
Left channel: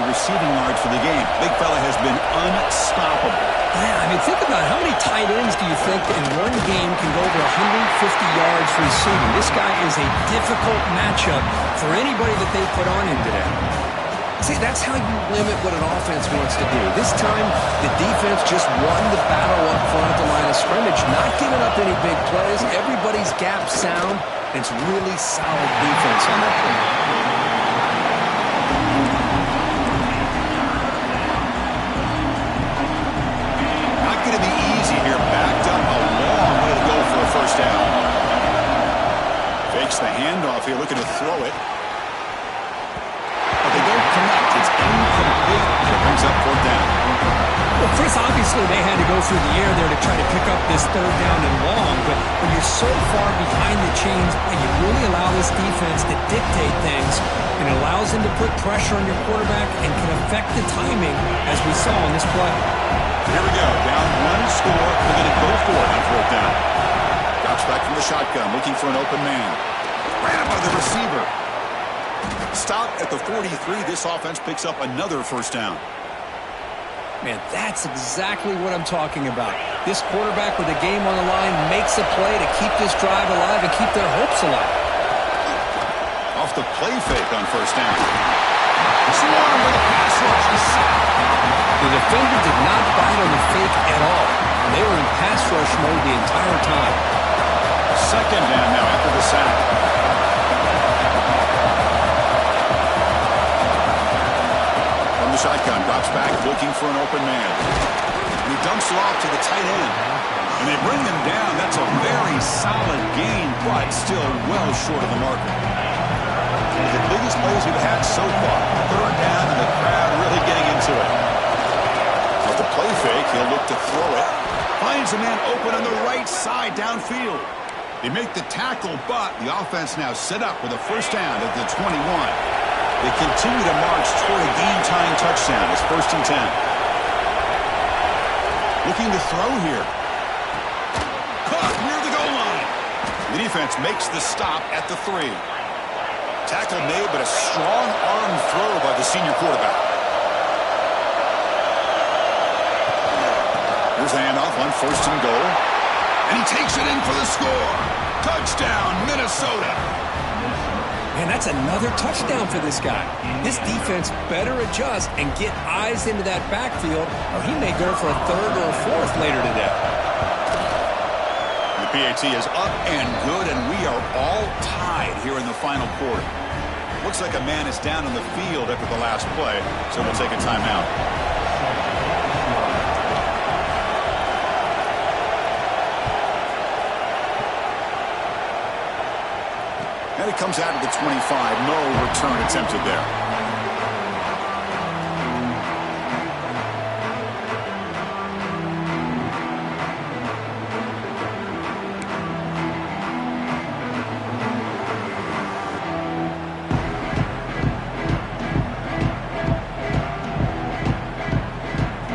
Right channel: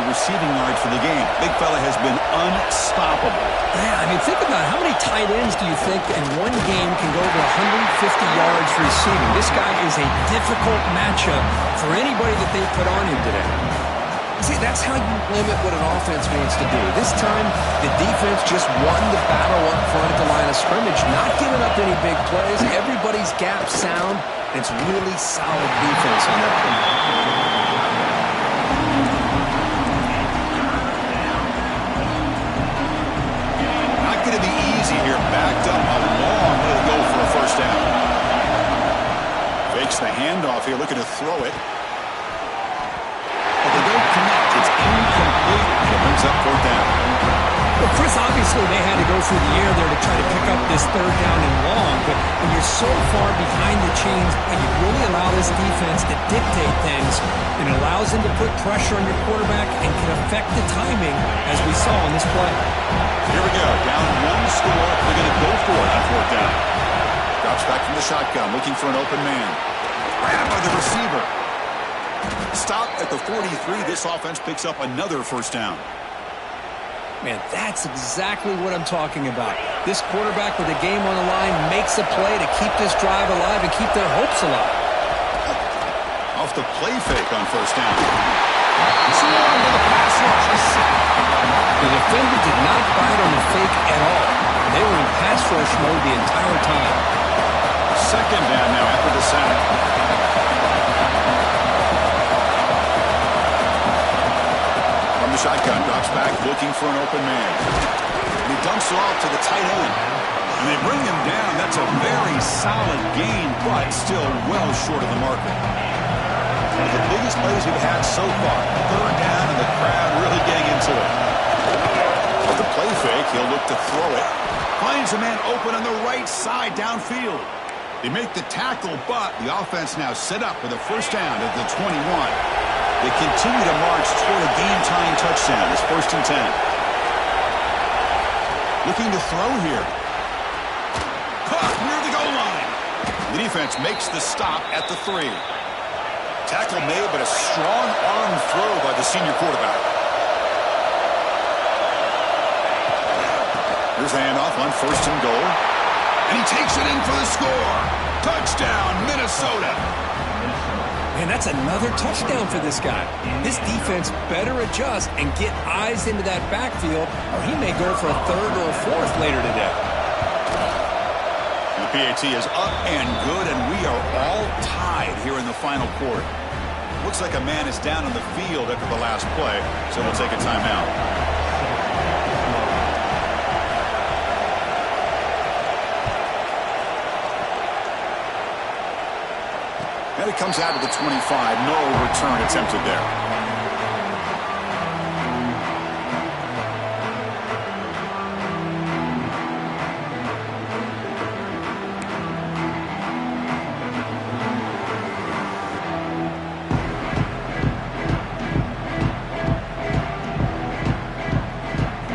receiving yards for the game. Big fella has been unstoppable. Yeah, I mean, think about how many tight ends do you think in one game can go over 150 yards receiving? This guy is a difficult matchup for anybody that they put on him today. See, that's how you limit what an offense wants to do. This time, the defense just won the battle up front at the line of scrimmage, not giving up any big plays. Everybody's gap sound. It's really solid defense on that play. Not going to be easy here. Backed up a long way to go for a first down. Fakes the handoff here, looking to throw it. But they don't connect. It's incomplete, and it brings up fourth down. Well, Chris, obviously they had to go through the air there to try to pick up this third down and long, but when you're so far behind the chains, you really allow this defense to dictate things, and it allows them to put pressure on your quarterback and can affect the timing, as we saw on this play. So here we go. Down one score. They're going to go for it on fourth down. Drops back from the shotgun, looking for an open man. Grabbed by the receiver. Stop at the 43. This offense picks up another first down. Man, that's exactly what I'm talking about. This quarterback with the game on the line makes a play to keep this drive alive and keep their hopes alive. Off the play fake on first down. Swarm with a pass rush, a sack. The defender did not bite on the fake at all. They were in pass rush mode the entire time. Second down now after the sack. The shotgun drops back, looking for an open man. And he dumps it off to the tight end. And they bring him down. That's a very solid gain, but still well short of the marker. One of the biggest plays we've had so far. Third down, and the crowd really getting into it. A With the play fake, he'll look to throw it. Finds a man open on the right side downfield. They make the tackle, but the offense now set up with a first down at the 21. They continue to march toward a game-tying touchdown. It's 1st and 10. Looking to throw here. Caught near the goal line. The defense makes the stop at the 3. Tackle made, but a strong arm throw by the senior quarterback. Here's the handoff on 1st and goal. And he takes it in for the score. Touchdown, Minnesota. Man, that's another touchdown for this guy. This defense better adjust and get eyes into that backfield, or he may go for a 3rd or a 4th later today. The PAT is up and good, and we are all tied here in the final quarter. Looks like a man is down on the field after the last play, so we'll take a timeout. And it comes out of the 25. No return attempted there.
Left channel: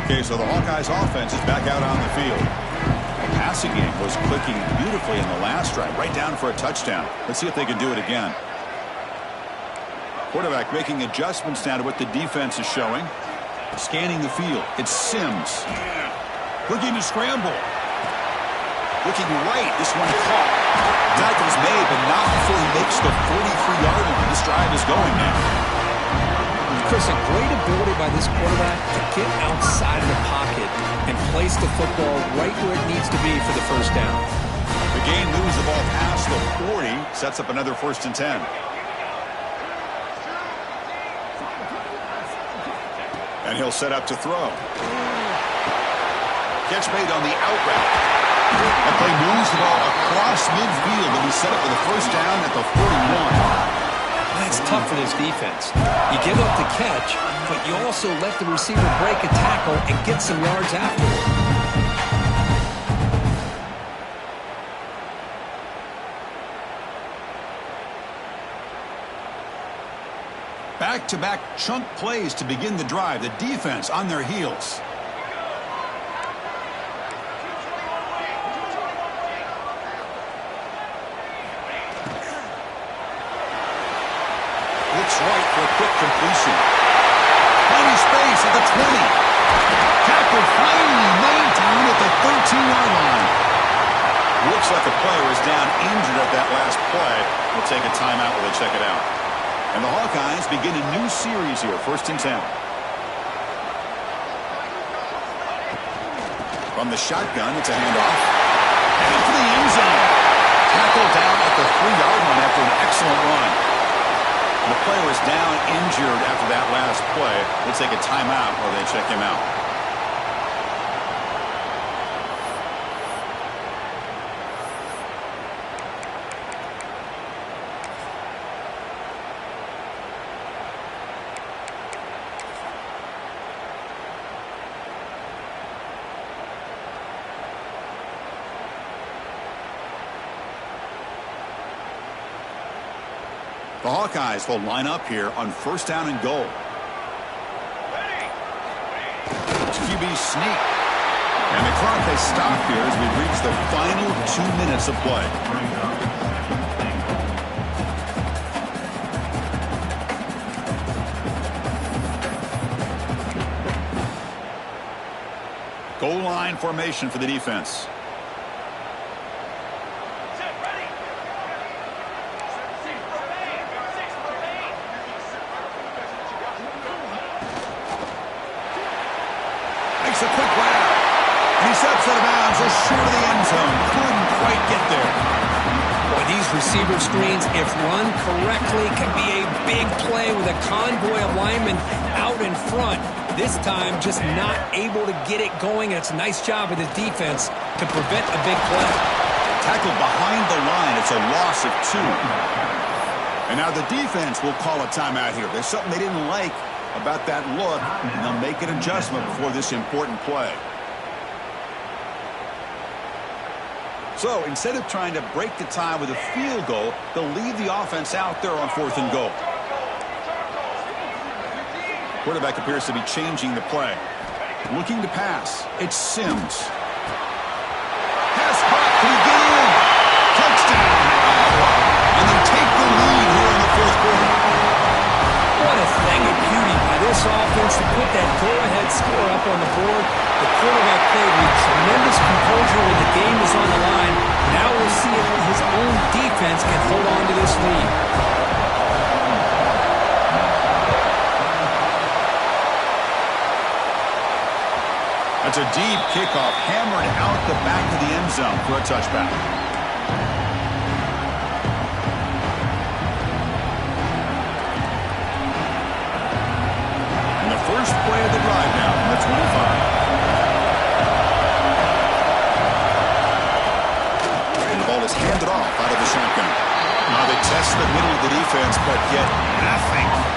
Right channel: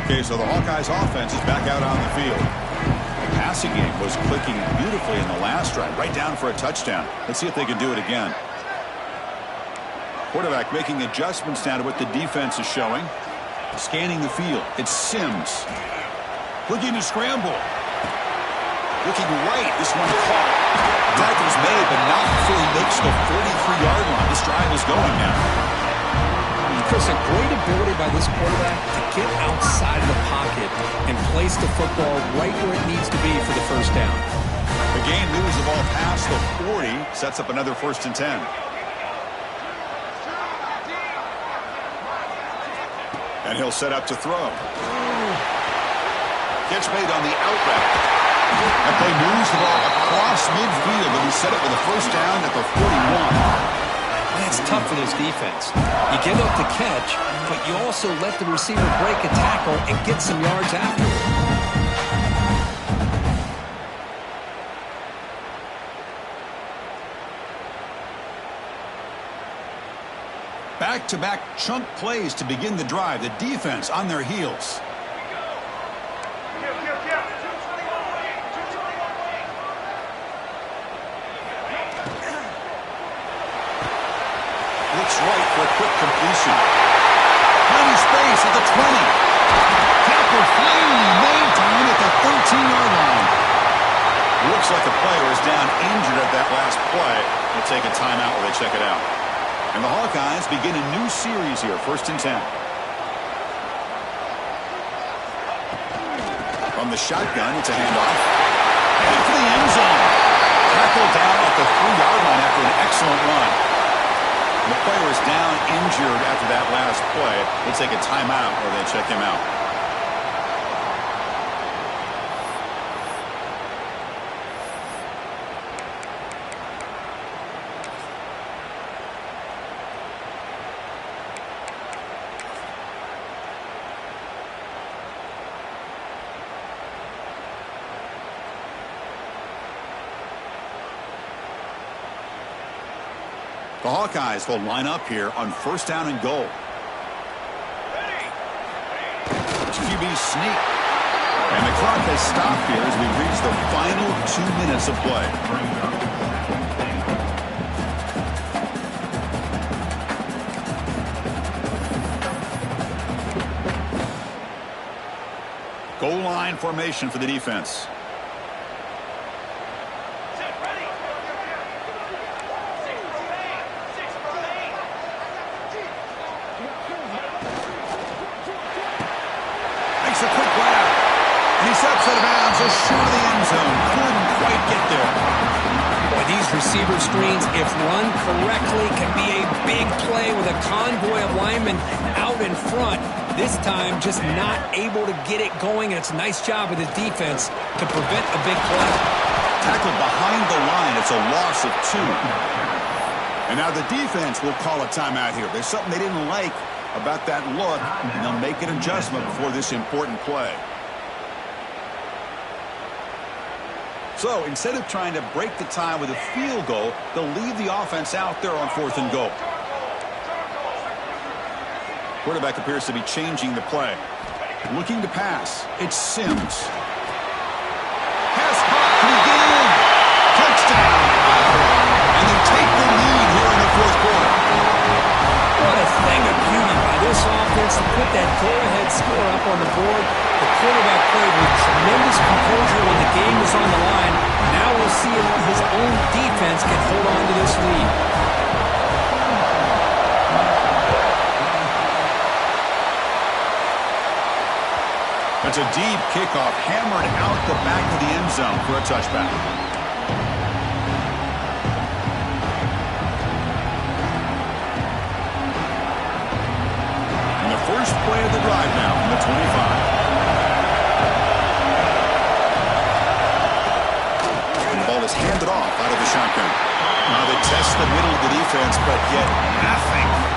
Okay, so the Hawkeyes offense is back out on the field. The passing game was clicking beautifully in the last drive, right down for a touchdown. Let's see if they can do it again. Quarterback making adjustments now to what the defense is showing. Scanning the field. It's Sims. Looking to scramble. Looking right. This one caught. Tackle's made, but not before he makes the 43-yard line. This drive is going now. Chris, a great ability by this quarterback to get outside of the pocket and place the football right where it needs to be for the first down. The game moves the ball past the 40, sets up another 1st and 10. And he'll set up to throw. Catch made on the out route. That play moves the ball across midfield, and he set up with a first down at the 41. That's tough for this defense. You give up the catch, but you also let the receiver break a tackle and get some yards afterward. Back-to-back chunk plays to begin the drive. The defense on their heels. Looks right for a quick completion. Finding space at the 20. Tackle finally made time at the 13-yard line. Looks like a player is down injured at that last play. We'll take a timeout while they check it out. And the Hawkeyes begin a new series here, 1st and 10. From the shotgun, it's a handoff. Headed for the end zone. Tackled down at the 3-yard line after an excellent run. The player is down injured after that last play. They take a timeout or they check him out. The Hawkeyes will line up here on 1st down and goal. QB sneak. And the clock has stopped here as we reach the final 2 minutes of play. Goal line formation for the defense. Makes a quick grab. And he steps out of bounds just short of the end zone. Couldn't quite get there. Boy, these receiver screens, if run correctly, can be a big play with a convoy of linemen out in front. This time, just not able to get it going, and it's a nice job of the defense to prevent a big play. Tackled behind the line. It's a loss of 2. And now the defense will call a timeout here. There's something they didn't like about that look, and they'll make an adjustment before this important play. So instead of trying to break the tie with a field goal, they'll leave the offense out there on 4th and goal. Quarterback appears to be changing the play. Looking to pass. It's Sims. Pass caught. Can he get in? Touchdown, Iowa. And they take the lead here in the 4th quarter. What a thing of beauty by this offense to put that go-ahead score up on the board. The quarterback played with tremendous composure when the game was on the line. Now we'll see if his own defense can hold on to this lead. That's a deep kickoff, hammered out the back of the end zone for a touchback. And the first play of the drive now from the 25. And the ball is handed off out of the shotgun. Now they test the middle of the defense, but yet nothing.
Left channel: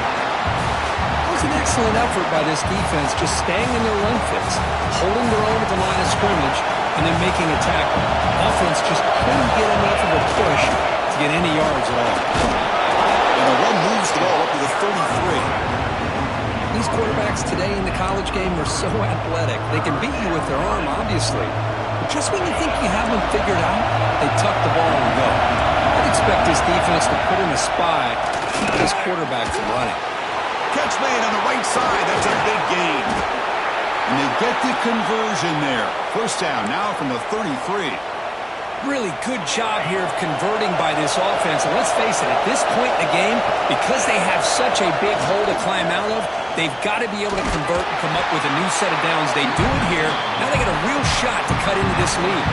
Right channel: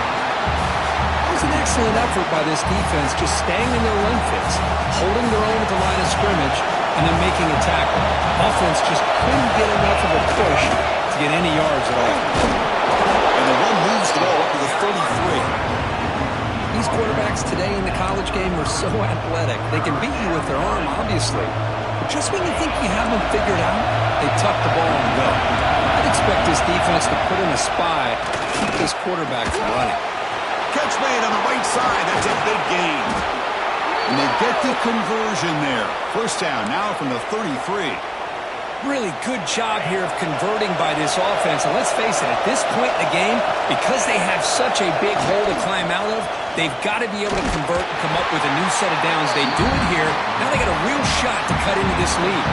An excellent effort by this defense, just staying in their run fits, holding their own at the line of scrimmage, and then making a tackle. Offense just couldn't get enough of a push to get any yards at all. And the one moves the ball up to the 33. These quarterbacks today in the college game are so athletic. They can beat you with their arm, obviously. But just when you think you have them figured out, they tuck the ball and go. I'd expect this defense to put in a spy to keep this quarterback from running. Catch made on the right side. That's a big gain. And they get the conversion there. First down now from the 33. Really good job here of converting by this offense. And let's face it, at this point in the game, because they have such a big hole to climb out of, they've got to be able to convert and come up with a new set of downs. They do it here. Now they got a real shot to cut into this lead.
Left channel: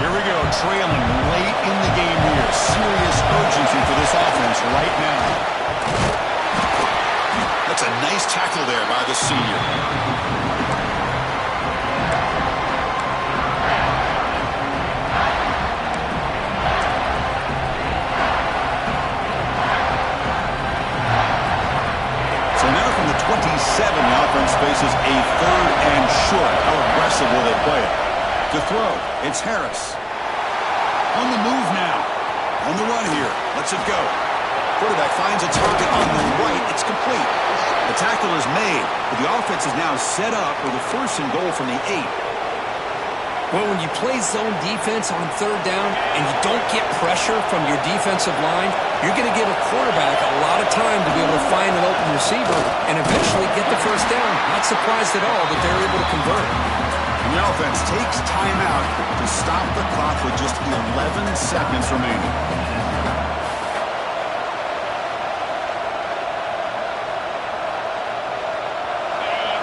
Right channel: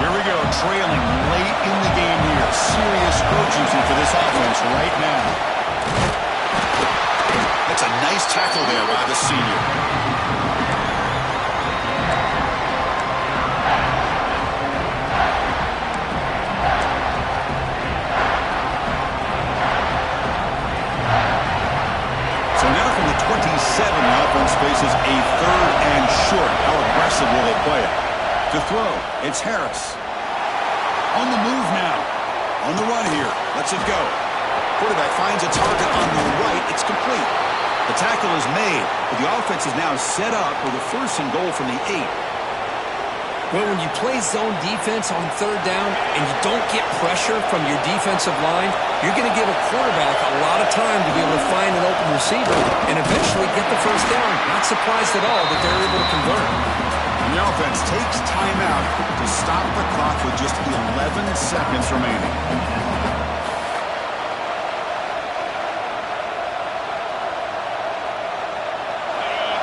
Here we go, trailing late in the game here. Serious urgency for this offense right now. That's a nice tackle there by the senior. So now from the 27, the offense faces a 3rd and short. How aggressive will they play it? To throw, it's Harris. On the move now. On the run here. Lets it go. Quarterback finds a target on the right. It's complete. The tackle is made, but the offense is now set up with a 1st and goal from the 8. Well, when you play zone defense on 3rd down and you don't get pressure from your defensive line, you're going to give a quarterback a lot of time to be able to find an open receiver and eventually get the 1st down. Not surprised at all that they're able to convert. And the offense takes timeout to stop the clock with just 11 seconds remaining.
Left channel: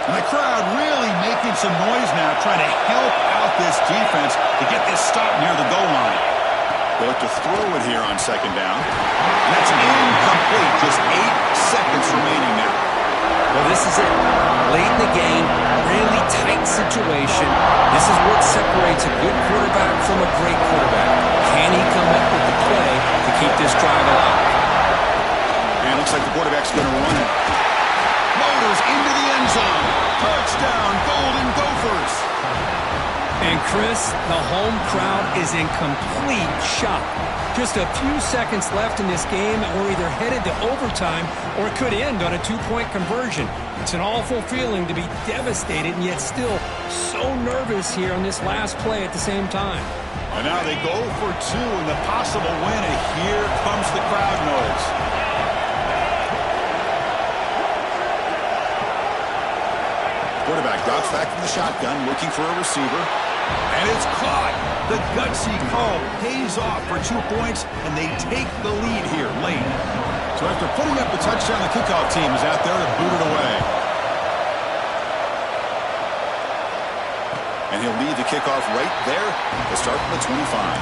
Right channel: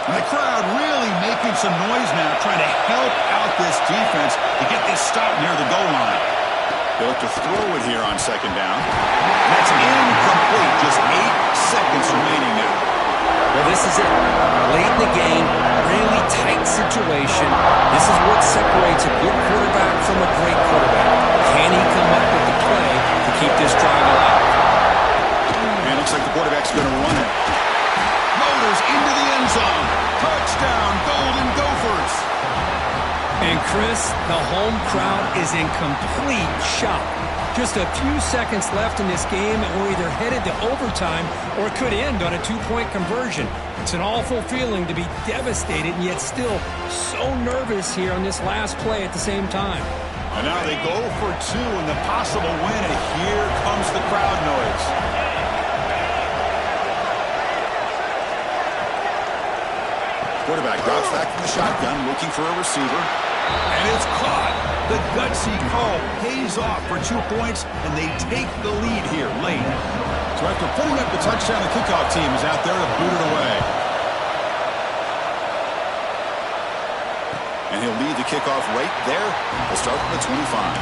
And the crowd really making some noise now, trying to help out this defense to get this stop near the goal line. They look to throw it here on 2nd down. And that's incomplete. Just 8 seconds remaining now. Well, this is it. Late in the game, really tight situation. This is what separates a good quarterback from a great quarterback. Can he come up with the play to keep this drive alive? And it looks like the quarterback's going to run it. Motors into the end zone. Touchdown, Golden Gophers. And Chris, the home crowd is in complete shock. Just a few seconds left in this game, and we're either headed to overtime or it could end on a 2-point conversion. It's an awful feeling to be devastated and yet still so nervous here on this last play at the same time. And now they go for 2 and the possible win, and here comes the crowd noise. Quarterback drops back from the shotgun, looking for a receiver. And it's caught. The gutsy call pays off for 2 points, and they take the lead here late. So after putting up the touchdown, the kickoff team is out there to boot it away. And he'll lead the kickoff right there to start from the 25.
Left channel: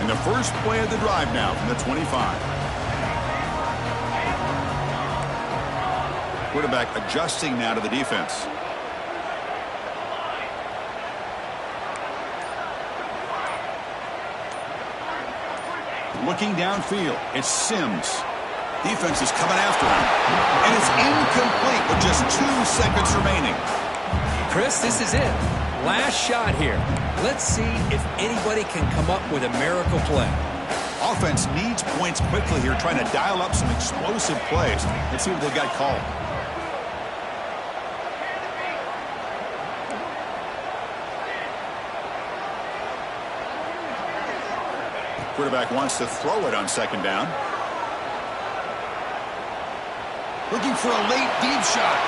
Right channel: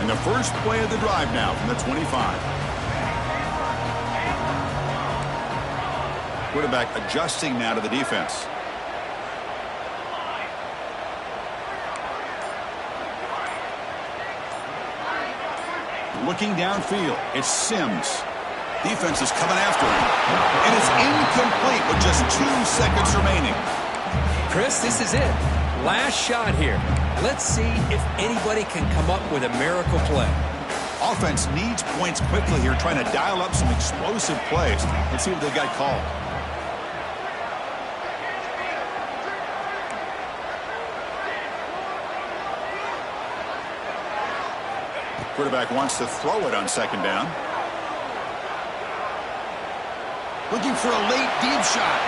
And the first play of the drive now from the 25. Quarterback adjusting now to the defense. Looking downfield, it's Sims. Defense is coming after him. And it's incomplete with just 2 seconds remaining. Chris, this is it. Last shot here. Let's see if anybody can come up with a miracle play. Offense needs points quickly here, trying to dial up some explosive plays. Let's see what they've got called. Quarterback wants to throw it on second down. Looking for a late deep shot.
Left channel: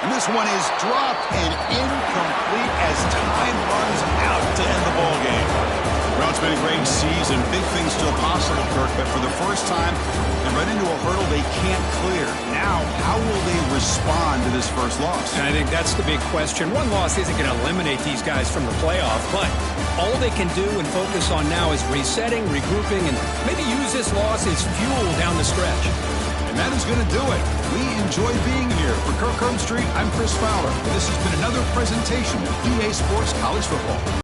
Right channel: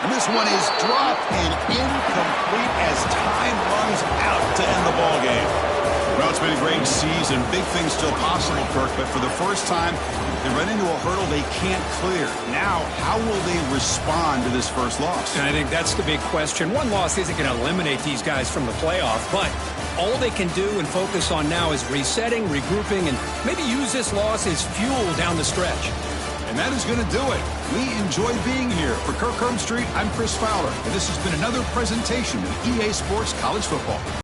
And this one is dropped and incomplete as time runs out to end the ball game. Well, it's been a great season. Big things still possible, Kirk, but for the first time, they run into a hurdle they can't clear. Now, how will they respond to this first loss? And I think that's the big question. One loss isn't going to eliminate these guys from the playoff, but all they can do and focus on now is resetting, regrouping, and maybe use this loss as fuel down the stretch. And that is going to do it. We enjoy being here. For Kirk Herbstreit, I'm Chris Fowler, and this has been another presentation of EA Sports College Football.